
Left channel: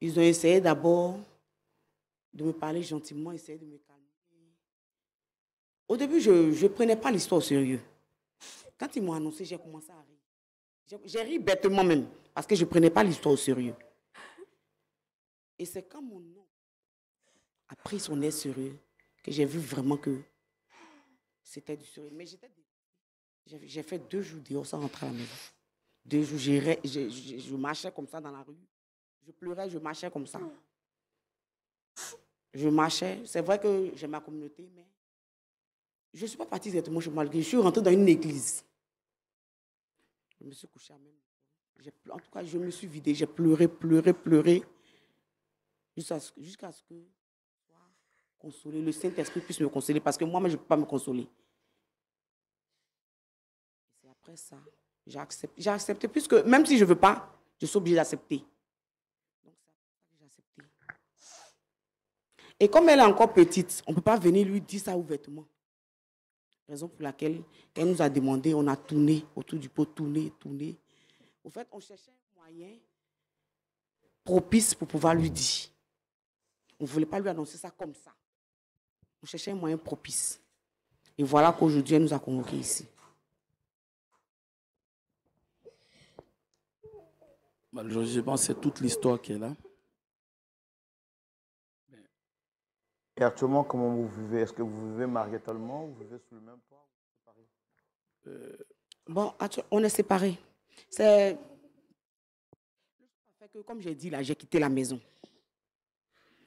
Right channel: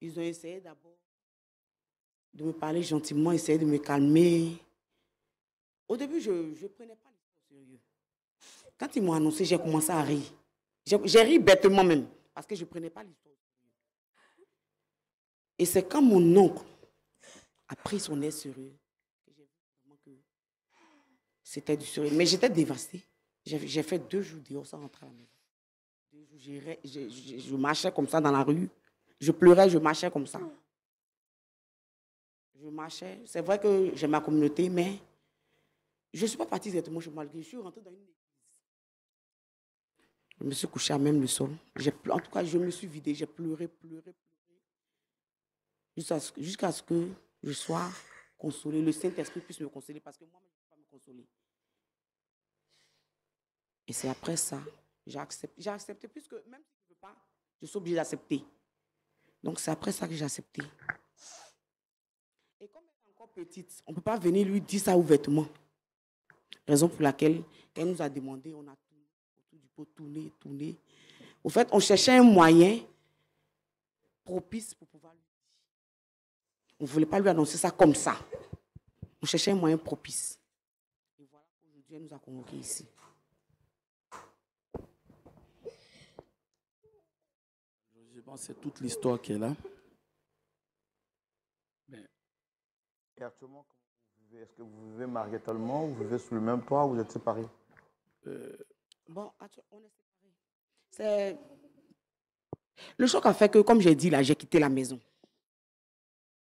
ils ont essayé d'abord de me parler gentiment, essayer de me calmer. Au début, je ne prenais pas l'histoire au sérieux. Quand ils m'ont annoncé, j'ai commencé à rire. J'ai ri bêtement même, parce que je ne prenais pas l'histoire au sérieux. Et c'est quand mon oncle a pris son air sérieux que j'ai vu vraiment que c'était du sérieux. Mais j'étais dévastée. J'ai fait 2 jours dehors sans rentrer à la maison. 2 jours, je marchais comme ça dans la rue. Je pleurais, je marchais comme ça. Je marchais. C'est vrai que j'ai ma communauté, mais je ne suis pas partie directement chez moi. Je suis rentrée dans une église. Je me suis couchée à même le sol. En tout cas, je me suis vidée. J'ai pleuré, jusqu'à ce que je sois consolée. Le Saint-Esprit puisse me consoler, parce que moi-même, je ne peux pas me consoler. Et c'est après ça, j'ai accepté, puisque même si je ne veux pas, je suis obligée d'accepter. Donc c'est après ça que j'ai accepté. Et comme elle est encore petite, on ne peut pas venir lui dire ça ouvertement. Raison pour laquelle, quand elle nous a demandé, on a tourné autour du pot, tourné. Au fait, on cherchait un moyen propice pour pouvoir lui dire. On ne voulait pas lui annoncer ça comme ça. On cherchait un moyen propice. Et voilà qu'aujourd'hui, elle nous a convoqués ici. Malheureusement, c'est toute l'histoire qui est là. Et actuellement, comment vous vivez? Est-ce que vous vivez mariitalement? Vous vivez sous le même toit? Vous êtes séparés? Bon, on est séparés. C'est... Le choc a fait que, comme j'ai dit, là, j'ai quitté la maison.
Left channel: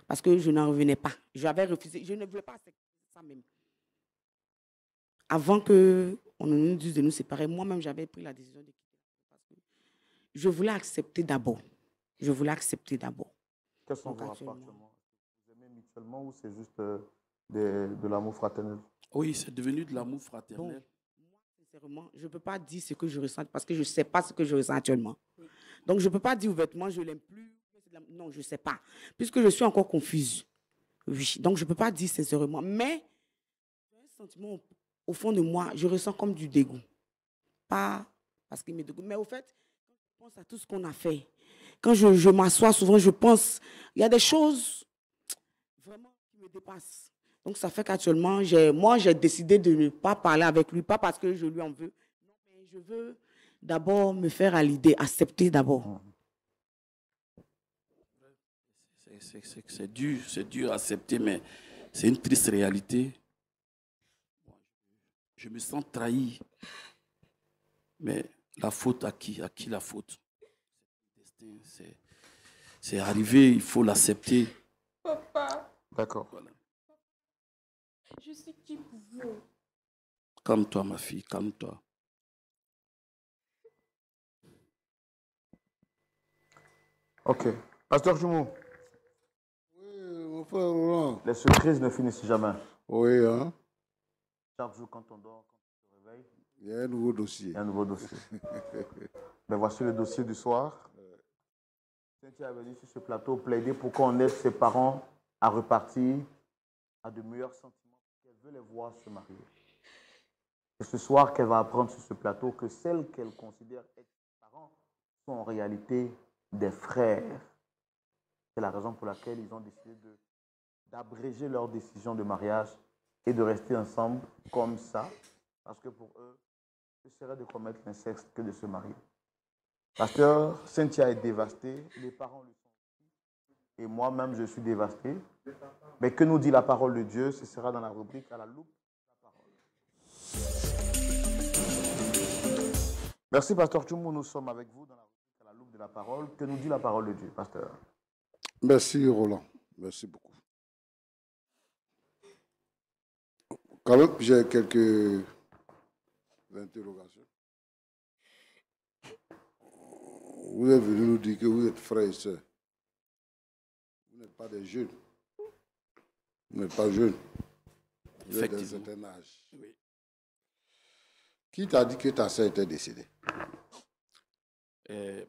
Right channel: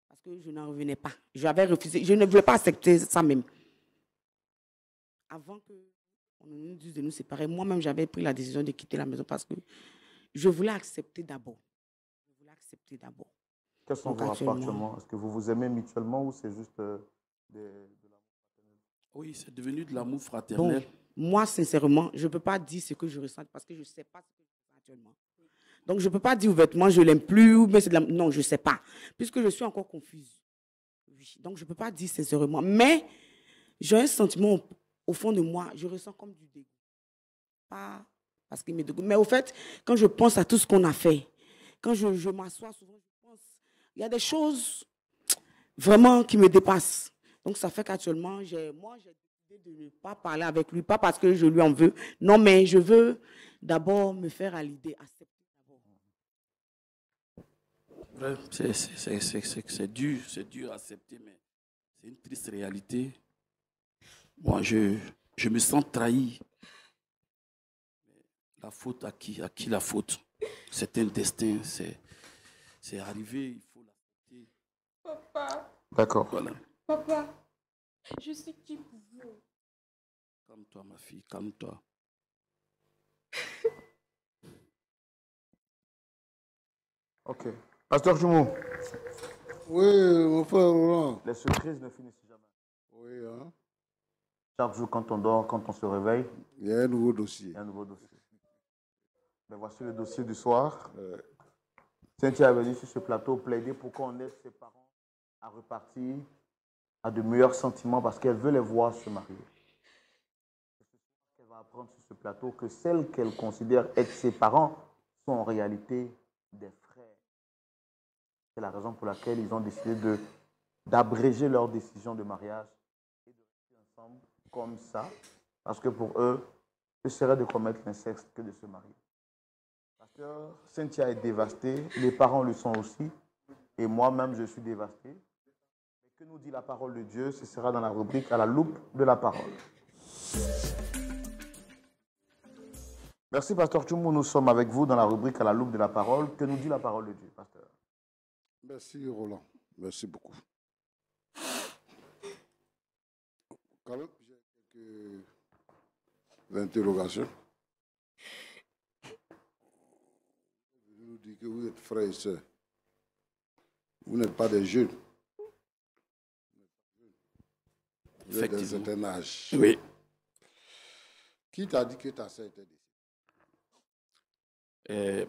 Parce que je n'en revenais pas. J'avais refusé. Je ne voulais pas accepter ça même. Avant qu'on nous dise de nous séparer, moi-même, j'avais pris la décision de quitter la maison parce que je voulais accepter d'abord. Quels sont vos rapports actuellement? Est-ce que vous vous aimez mutuellement ou c'est juste de l'amour fraternel? Oui, c'est devenu de l'amour fraternel. Bon, moi, sincèrement, je ne peux pas dire ce que je ressens parce que je ne sais pas ce que je ressens actuellement. Donc, je ne peux pas dire ouvertement, je ne l'aime plus, mais c'est de l'amour. Non, je ne sais pas. Puisque je suis encore confuse. Oui, donc je ne peux pas dire sincèrement. Mais j'ai un sentiment au fond de moi, je ressens comme du dégoût. Pas parce qu'il me dégoûte. Mais au fait, quand je pense à tout ce qu'on a fait, quand je m'assois souvent, je pense, il y a des choses, vraiment qui me dépasse. Donc, ça fait qu'actuellement, moi, j'ai décidé de ne pas parler avec lui, pas parce que je lui en veux. Non, mais je veux d'abord me faire à l'idée, accepter d'abord. C'est dur à accepter, mais c'est une triste réalité. Moi, je me sens trahi. Mais la faute à qui? À qui la faute? C'est un destin, c'est arrivé, il faut l'accepter. Papa, D'accord. Voilà. papa, je suis qui pour vous? Calme-toi, ma fille, calme-toi. Ok. Pasteur Jumou, Oui, mon frère Roland. les surprises ne finissent jamais. Oui, hein. Chaque jour, quand on dort, quand on se réveille, Il y a un nouveau dossier. il y a un nouveau dossier. Mais voici le dossier du soir. Cynthia est venue sur ce plateau plaider pour qu'on aide ses parents à repartir à de meilleurs sentiments parce qu'elle veut les voir se marier. C'est ce soir qu'elle va apprendre sur ce plateau que celles qu'elle considère être ses parents sont en réalité des frères. C'est la raison pour laquelle ils ont décidé d'abréger leur décision de mariage et de rester ensemble comme ça, parce que pour eux, ce serait de commettre l'inceste que de se marier. Pasteur, Cynthia est dévastée, les parents le sont aussi, et moi-même je suis dévasté. Mais que nous dit la parole de Dieu? Ce sera dans la rubrique à la loupe de la parole. Merci, Pasteur Tchoumou. Nous sommes avec vous dans la rubrique à la loupe de la parole. Que nous dit la parole de Dieu, Pasteur? Merci, Roland. Merci beaucoup. Quand même, j'ai quelques interrogations. Vous êtes venu nous dire que vous êtes frères et sœurs. Vous n'êtes pas des jeunes. Vous n'êtes pas jeunes. Vous êtes d'un certain âge. Oui. Qui t'a dit que ta sœur était décédée?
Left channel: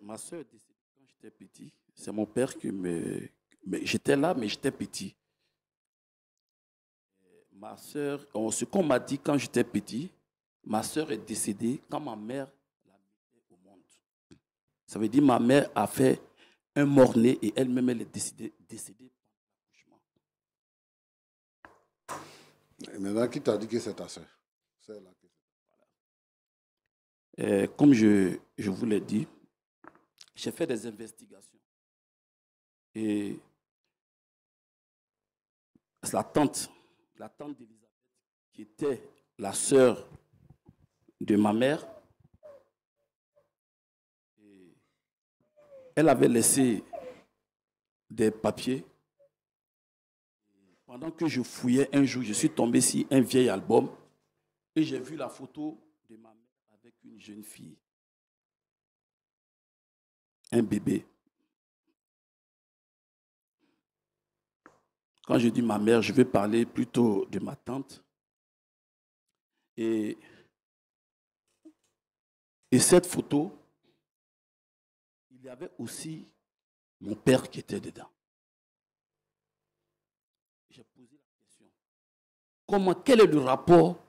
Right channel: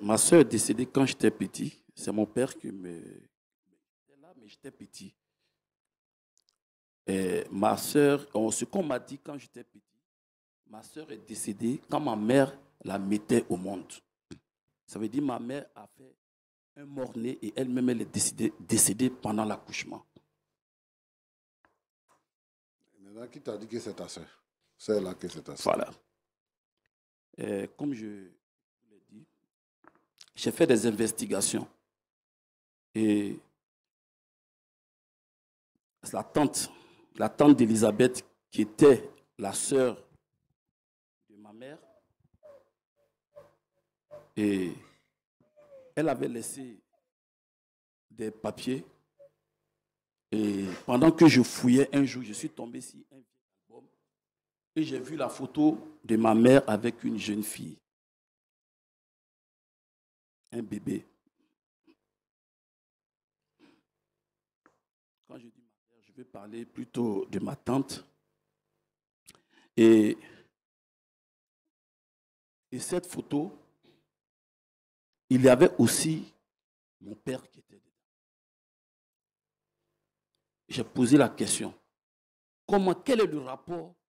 Ma soeur est décédée quand j'étais petit. C'est mon père qui me... J'étais là, mais j'étais petit. Ma soeur, ce qu'on m'a dit quand j'étais petit, ma soeur est décédée quand ma mère la mettait au monde. Ça veut dire que ma mère a fait un mort-né et elle-même elle est décédée pendant l'accouchement. Et maintenant, qui t'a dit que c'est ta sœur? C'est là que c'est ta sœur. Voilà. Comme je vous l'ai dit, j'ai fait des investigations. Et la tante d'Elisabeth, qui était la sœur de ma mère, et elle avait laissé des papiers. Et pendant que je fouillais un jour, je suis tombé sur un vieil album et j'ai vu la photo de ma mère avec une jeune fille, un bébé. Quand je dis ma mère, je vais parler plutôt de ma tante. Et cette photo, il y avait aussi mon père qui était dedans. J'ai posé la question, quel est le rapport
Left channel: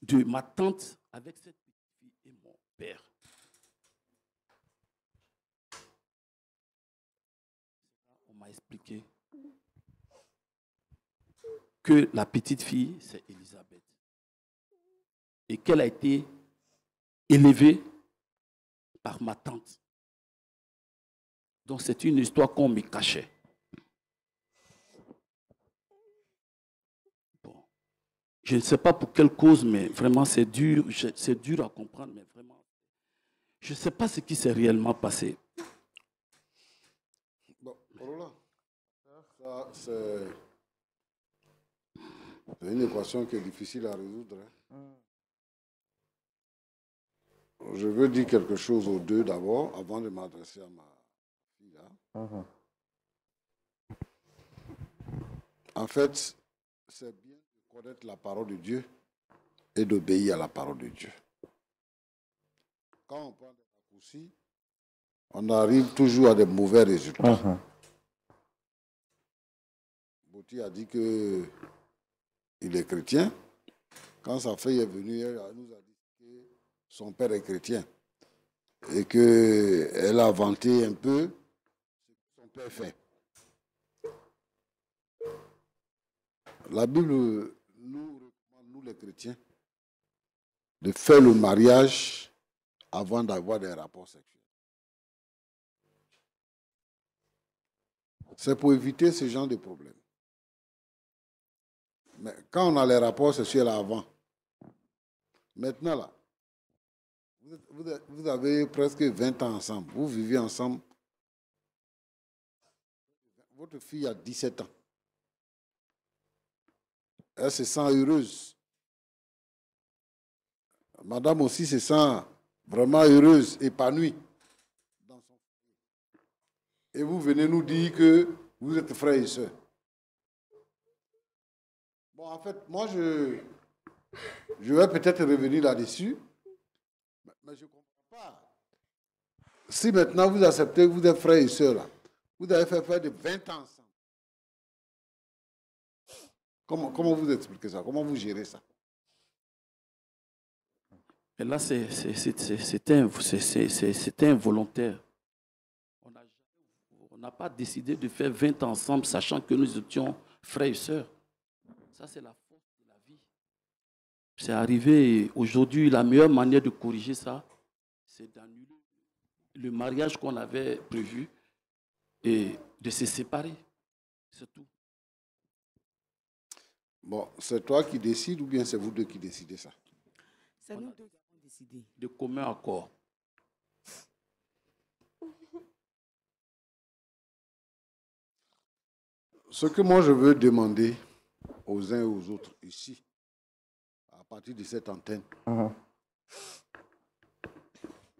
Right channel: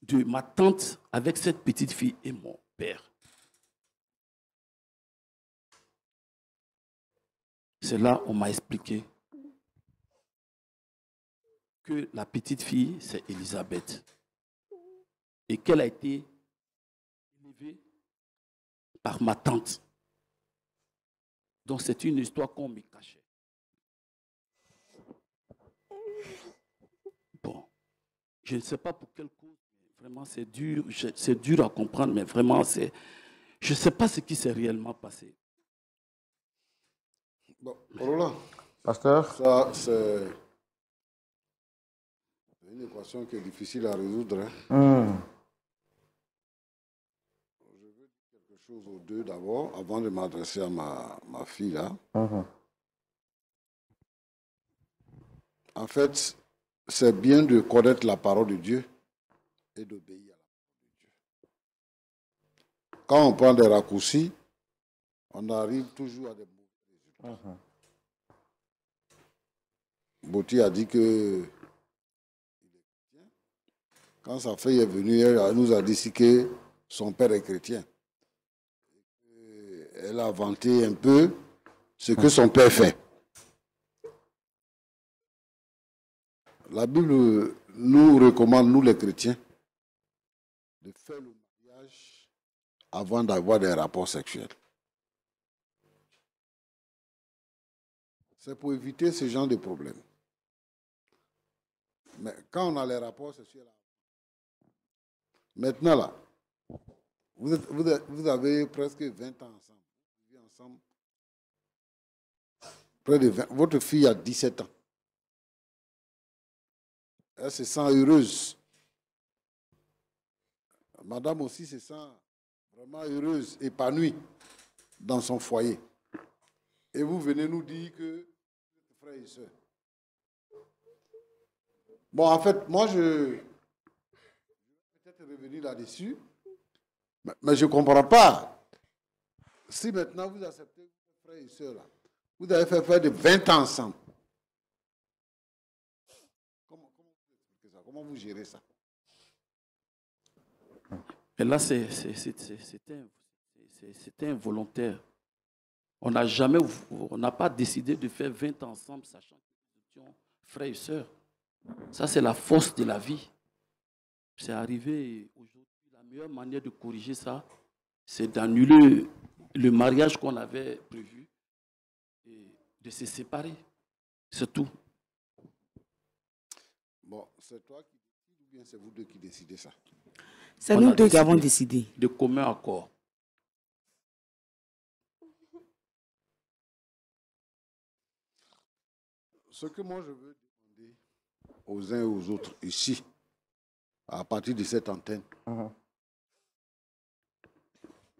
de ma tante avec cette petite fille et mon père? C'est là qu'on m'a expliqué que la petite fille, c'est Elisabeth, et qu'elle a été élevée par ma tante. Donc c'est une histoire qu'on me cachait. Bon, je ne sais pas pour quelle cause, mais vraiment c'est dur à comprendre, mais vraiment je ne sais pas ce qui s'est réellement passé. Bon, Roland, Pasteur, ça c'est une équation qui est difficile à résoudre. Hein. Je veux dire quelque chose aux deux d'abord, avant de m'adresser à ma fille là. En fait, c'est bien de connaître la parole de Dieu et d'obéir à la parole de Dieu. Quand on prend des raccourcis, on arrive toujours à des mauvais résultats. Boti a dit qu'il est chrétien. Quand sa fille est venue, elle nous a dit que son père est chrétien et qu'elle a vanté un peu ce que son père fait. la Bible nous recommande, nous les chrétiens, de faire le mariage avant d'avoir des rapports sexuels. C'est pour éviter ce genre de problème. Mais quand on a les rapports sexuels avant, maintenant là, vous avez presque 20 ans ensemble, vous vivez ensemble, près de 20, votre fille a 17 ans. Elle se sent heureuse. Madame aussi se sent vraiment heureuse, épanouie dans son foyer. Et vous venez nous dire que vous êtes frères et sœurs. Bon, en fait, moi, je vais peut-être revenir là-dessus, mais je ne comprends pas. Si maintenant vous acceptez que vous êtes frères et sœurs, là, vous avez fait faire de 20 ans ensemble. Comment vous expliquez ça? Comment vous gérez ça? Et là, c'était involontaire. On n'a pas décidé de faire 20 ans ensemble, sachant que nous étions frères et sœurs. Ça, c'est la force de la vie. C'est arrivé aujourd'hui, la meilleure manière de corriger ça, c'est d'annuler le mariage qu'on avait prévu et de se séparer. C'est tout. Bon, c'est toi qui décides ou bien c'est vous deux qui décidez ça? C'est nous deux qui avons décidé. De commun accord. Ce que moi je veux demander aux uns et aux autres ici, à partir de cette antenne,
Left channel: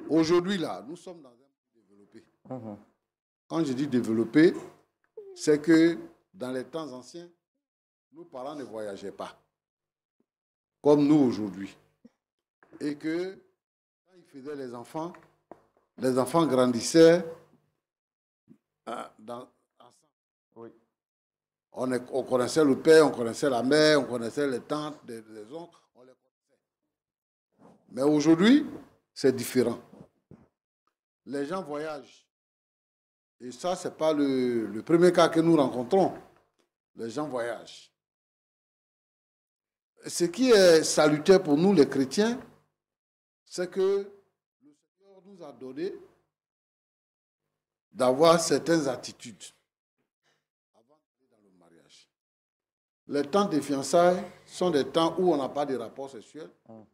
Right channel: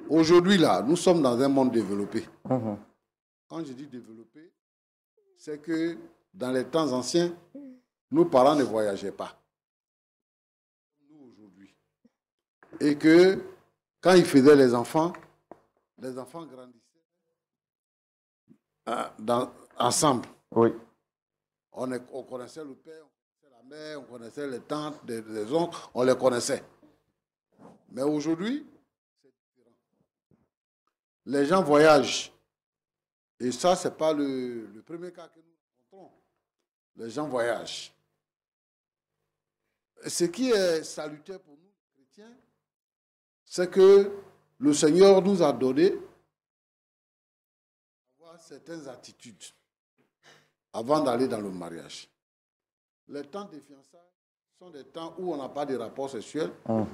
aujourd'hui là, nous sommes dans un monde développé. Quand je dis développé, c'est que dans les temps anciens, nos parents ne voyageaient pas, comme nous aujourd'hui. Et que quand ils faisaient les enfants grandissaient ensemble. Oui. On connaissait le père, on connaissait la mère, on connaissait les tantes, les oncles, on les connaissait. Mais aujourd'hui, c'est différent. Les gens voyagent. Et ça, ce n'est pas le premier cas que nous rencontrons. Les gens voyagent. Ce qui est salutaire pour nous, les chrétiens, c'est que le Seigneur nous a donné d'avoir certaines attitudes avant d'aller dans le mariage. Les temps de fiançailles sont des temps où on n'a pas de rapport sexuel.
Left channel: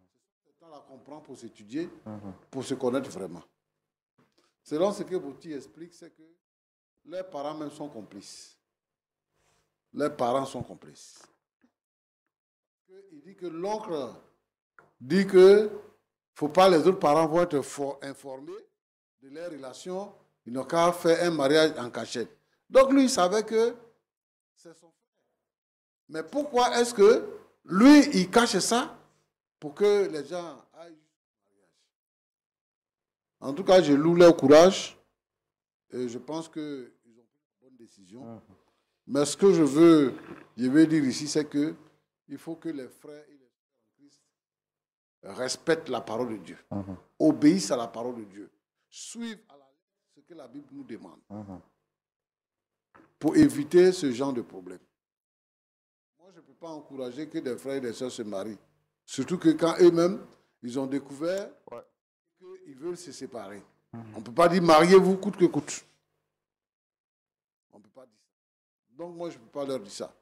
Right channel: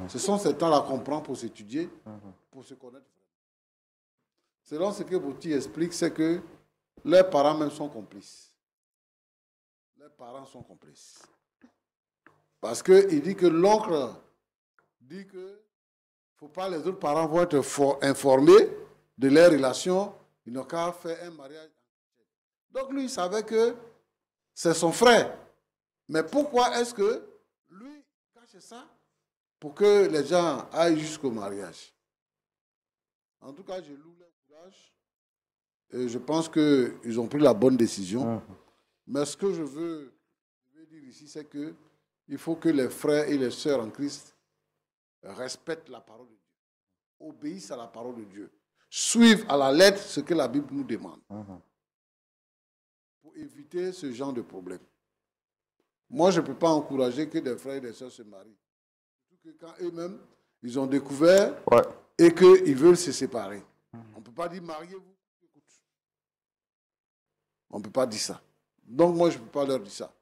Ce sont ces temps-là qu'on prend pour s'étudier, pour se connaître vraiment. Selon ce que Bouti explique, c'est que les parents même sont complices. Les parents sont complices. Parce qu'il dit que l'oncle dit que faut pas, les autres parents vont être informés de leurs relations, ils n'ont qu'à faire un mariage en cachette. Donc lui, il savait que c'est son frère. Mais pourquoi est-ce que lui, il cache ça pour que les gens aillent jusqu'au mariage? En tout cas, je loue leur courage et je pense qu'ils ont pris la bonne décision. Mais ce que je veux dire ici, c'est que il faut que les frères et les sœurs en Christ respectent la parole de Dieu, obéissent à la parole de Dieu, suivent à la lettre ce que la Bible nous demande pour éviter ce genre de problème. Moi, je ne peux pas encourager que des frères et des sœurs se marient, surtout que quand eux-mêmes, ils ont découvert et qu'ils veulent se séparer. On ne peut pas dire mariez-vous coûte que coûte. On ne peut pas dire ça. Donc moi, je ne peux pas leur dire ça.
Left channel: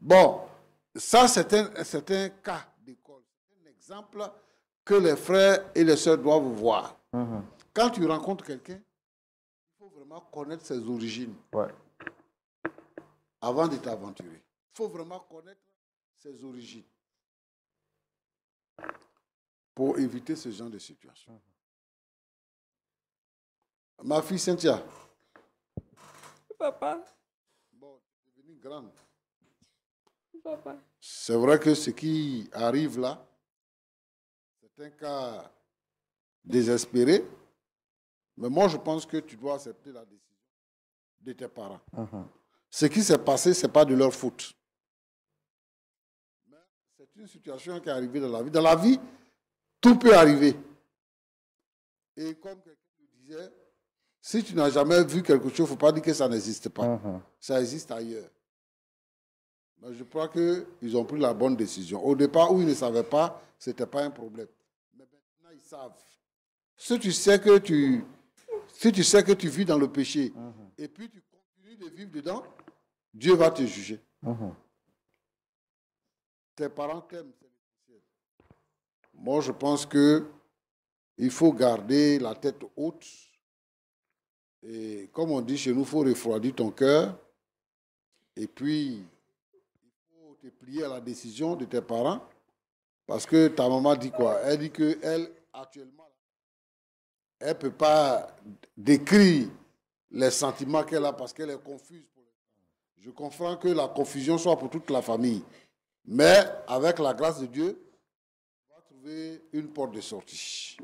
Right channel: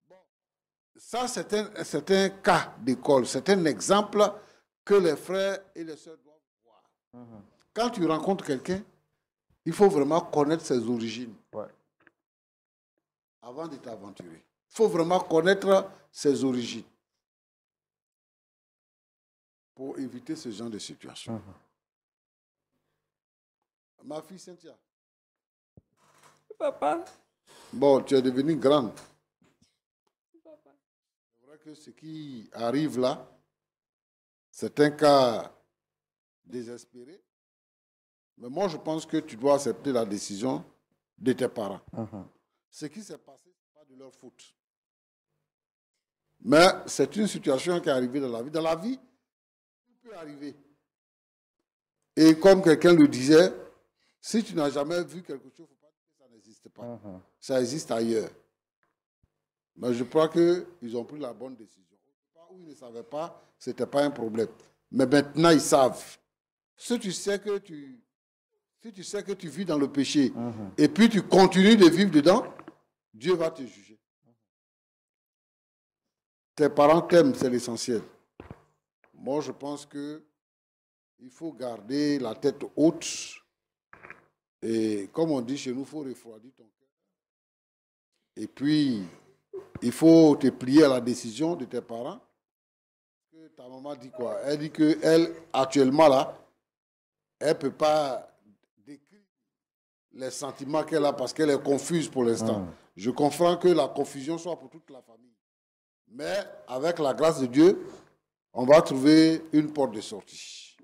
Bon, ça, c'est un cas d'école, c'est un exemple que les frères et les sœurs doivent voir. Quand tu rencontres quelqu'un, il faut vraiment connaître ses origines avant de t'aventurer. Il faut vraiment connaître ses origines pour éviter ce genre de situation. Ma fille Cynthia. Papa. Bon, tu es devenue grande. Papa. C'est vrai que ce qui arrive là, c'est un cas désespéré. Mais moi, je pense que tu dois accepter la décision de tes parents. Ce qui s'est passé, ce n'est pas de leur faute. Mais c'est une situation qui est arrivée dans la vie. Dans la vie, tout peut arriver. Et comme quelqu'un le disait, si tu n'as jamais vu quelque chose, il ne faut pas dire que ça n'existe pas. Ça existe ailleurs. Mais je crois qu'ils ont pris la bonne décision. Au départ, où ils ne savaient pas, ce n'était pas un problème. Mais maintenant, ils savent. Si tu sais que tu vis dans le péché, et puis tu continues de vivre dedans, Dieu va te juger. Tes parents t'aiment, c'est l'essentiel. Moi, je pense qu'il faut garder la tête haute. Et comme on dit chez nous, il faut refroidir ton cœur. Et puis, il faut te plier à la décision de tes parents. Parce que ta maman dit quoi? Elle dit qu'elle, actuellement, là, elle ne peut pas décrire les sentiments qu'elle a parce qu'elle est confuse pour l'instant. Je comprends que la confusion soit pour toute la famille. Mais avec la grâce de Dieu, on va trouver une porte de sortie.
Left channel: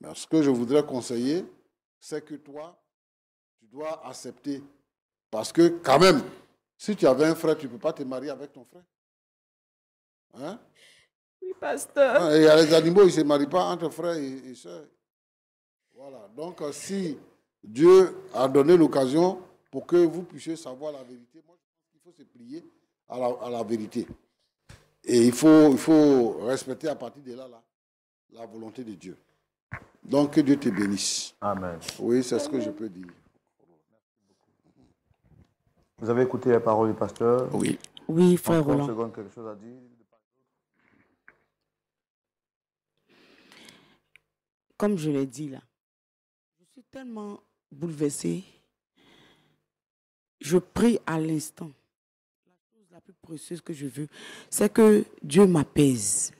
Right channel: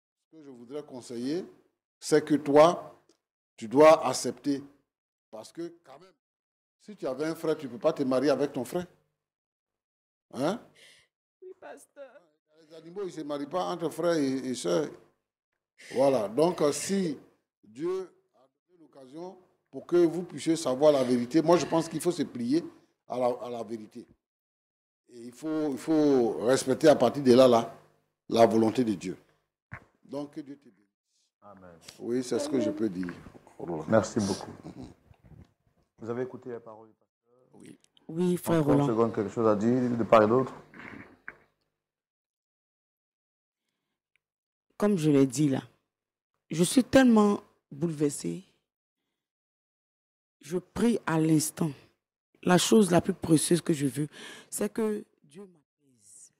Mais ce que je voudrais conseiller, c'est que toi, tu dois accepter. Parce que quand même, si tu avais un frère, tu ne peux pas te marier avec ton frère. Hein? Oui, pasteur. Il y a les animaux, ils ne se marient pas entre frères et sœurs. Voilà. Donc, si Dieu a donné l'occasion pour que vous puissiez savoir la vérité, moi, je pense qu'il faut se plier à la vérité. Et il faut respecter à partir de là, la volonté de Dieu. Donc, que Dieu te bénisse. Amen. Oui, c'est ce que je peux dire. Merci beaucoup. Vous avez écouté la parole du pasteur? Oui. Oui, frère Encore Roland. seconde, quelque chose à dire de part et d'autre? Comme je l'ai dit là, je suis tellement bouleversée. Je prie à l'instant. La chose la plus précieuse que je veux, c'est que Dieu m'apaise.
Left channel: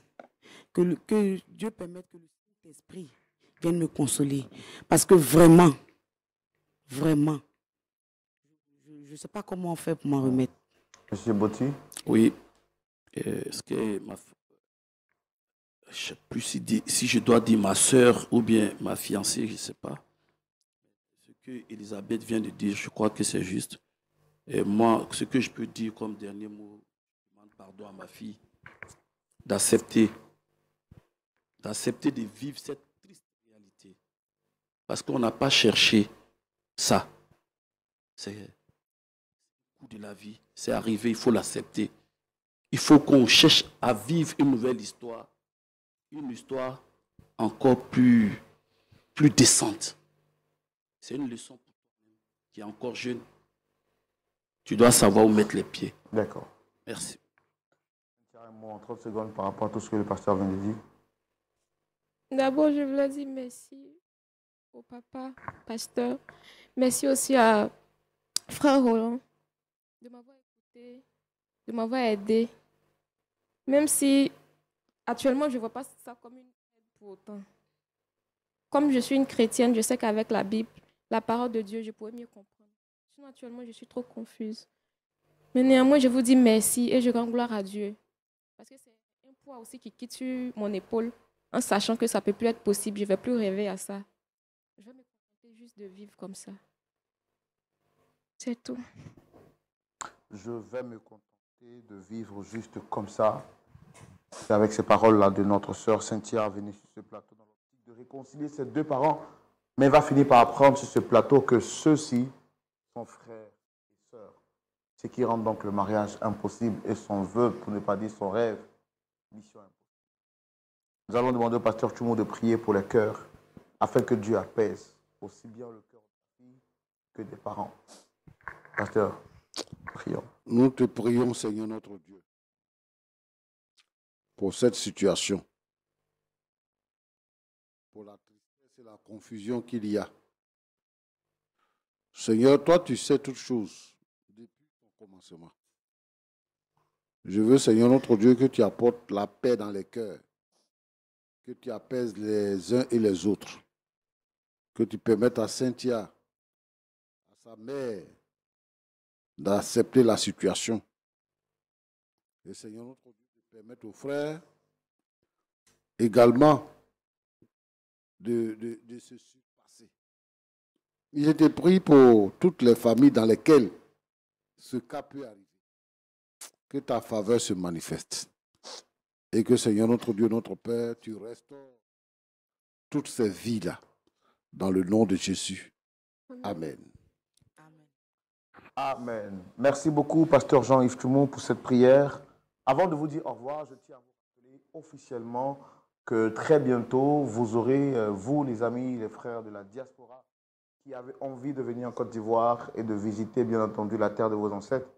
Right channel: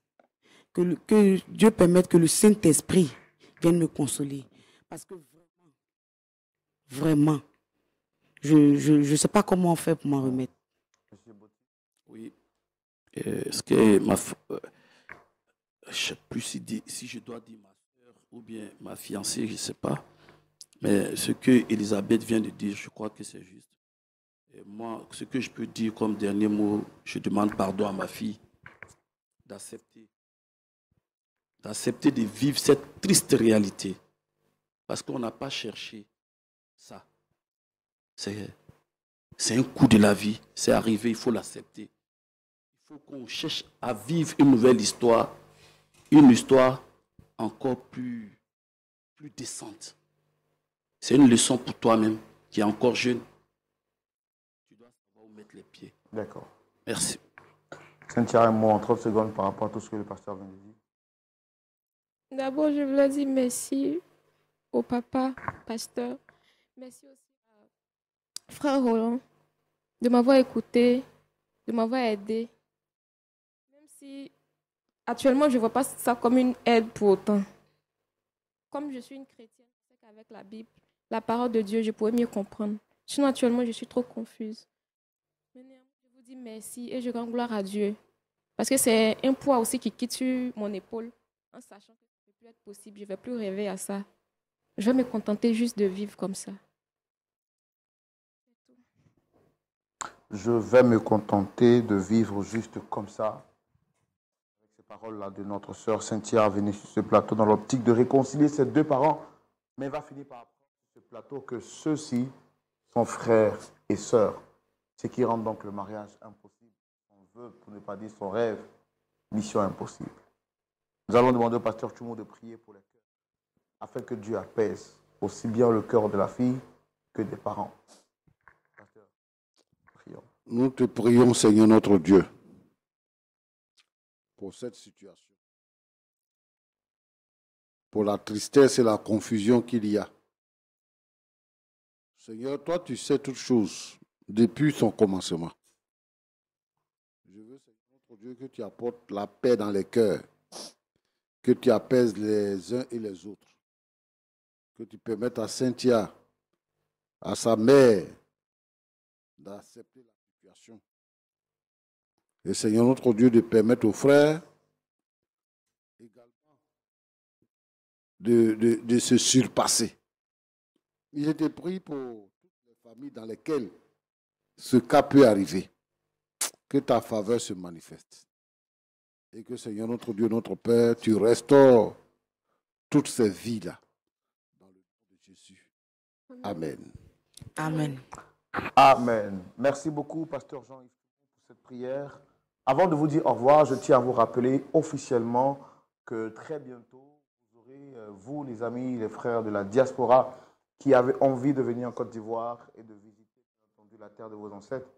Que Dieu permette que le Saint-Esprit vienne me consoler. Parce que vraiment, je ne sais pas comment on fait pour m'en remettre. Monsieur Botti? Oui. Ce que je ne sais plus si je dois dire ma soeur ou bien ma fiancée, je ne sais pas. Mais ce que Elisabeth vient de dire, je crois que c'est juste. Et moi, ce que je peux dire comme dernier mot, je demande pardon à ma fille d'accepter de vivre cette triste réalité. Parce qu'on n'a pas cherché ça. C'est un coup de la vie. C'est arrivé, il faut l'accepter. Il faut qu'on cherche à vivre une nouvelle histoire. Une histoire encore plus décente. C'est une leçon pour toi-même qui est encore jeune. Tu dois savoir où mettre les pieds. D'accord. Merci. Cynthia, un mot en 30 secondes par rapport à tout ce que le pasteur vient de dire. D'abord, je voulais dire merci au papa, pasteur. Merci aussi à frère Roland de m'avoir écouté, de m'avoir aidé. Même si actuellement, je ne vois pas ça comme une aide pour autant. Comme je suis une chrétienne, je sais qu'avec la Bible, la parole de Dieu, je pourrais mieux comprendre. Sinon, actuellement, je suis trop confuse. Mais néanmoins, je vous dis merci et je rends gloire à Dieu. Parce que c'est un poids aussi qui quitte sur mon épaule en sachant que ça ne peut plus être possible. Je ne vais plus rêver à ça. Je vais me contenter juste de vivre comme ça. C'est tout. Je vais me contenter de vivre juste comme ça. C'est avec ces paroles-là de notre sœur Cynthia venue sur ce plateau dans l'optique de réconcilier ses deux parents. Mais elle va finir par apprendre sur ce plateau que ceux-ci sont frères et sœurs. Ce qui rend donc le mariage impossible et son vœu, pour ne pas dire son rêve, mission impossible. Nous allons demander au pasteur Tchoumo de prier pour les cœurs afin que Dieu apaise aussi bien le cœur de la fille que des parents. Pasteur, prions. Nous te prions, Seigneur notre Dieu, pour cette situation, pour la tristesse et la confusion qu'il y a. Seigneur, toi, tu sais toutes choses depuis son commencement. Je veux, Seigneur notre Dieu, que tu apportes la paix dans les cœurs, que tu apaises les uns et les autres, que tu permettes à Cynthia, à sa mère, d'accepter la situation. Et Seigneur notre Dieu, de permettre aux frères également de se surpasser. Je te prie pour toutes les familles dans lesquelles ce cas peut arriver. Que ta faveur se manifeste. Et que Seigneur notre Dieu, notre Père, tu restaures toutes ces vies-là dans le nom de Jésus. Amen. Amen. Amen. Merci beaucoup, pasteur Jean-Yves Toumou, pour cette prière. Avant de vous dire au revoir, je tiens à vous rappeler officiellement que très bientôt, vous aurez, vous les amis, les frères de la diaspora, qui avez envie de venir en Côte d'Ivoire et de visiter, bien entendu, la terre de vos ancêtres.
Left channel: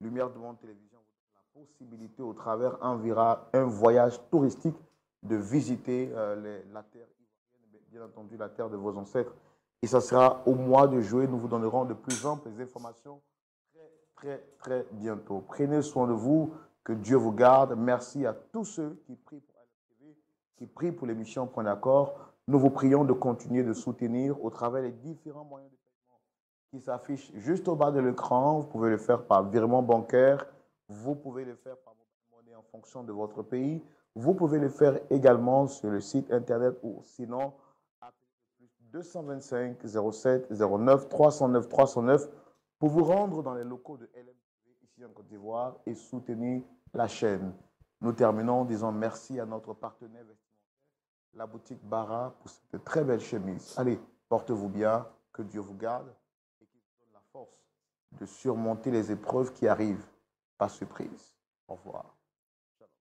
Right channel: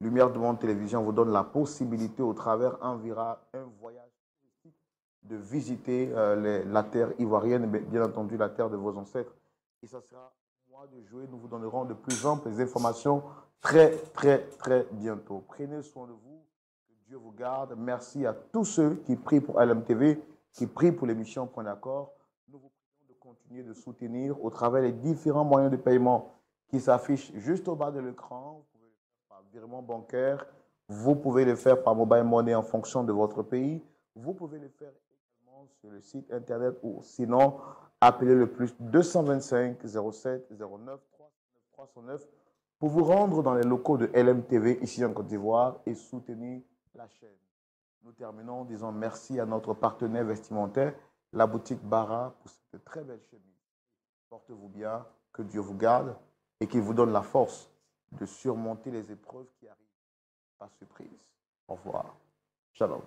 Lumière du Monde Télévision vous donne la possibilité, au travers un voyage touristique, de visiter la terre ivoirienne, bien entendu, la terre de vos ancêtres. Et ça sera au mois de juillet. Nous vous donnerons de plus amples informations très, très, très bientôt. Prenez soin de vous. Que Dieu vous garde. Merci à tous ceux qui prient pour LMTV, qui prient pour l'émission Point d'accord. Nous vous prions de continuer de soutenir au travers des différents moyens de paiement qui s'affichent juste au bas de l'écran. Vous pouvez le faire par virement bancaire. Vous pouvez le faire par mobile money en fonction de votre pays. Vous pouvez le faire également sur le site internet ou sinon, appelez le plus 225 07 09 309 309 pour vous rendre dans les locaux de LMTV ici en Côte d'Ivoire et soutenir la chaîne. Nous terminons en disant merci à notre partenaire vestimentaire, la boutique Bara, pour cette très belle chemise. Allez, portez-vous bien, que Dieu vous garde et qu'il vous donne la force de surmonter les épreuves qui arrivent par surprise. Au revoir. Shalom.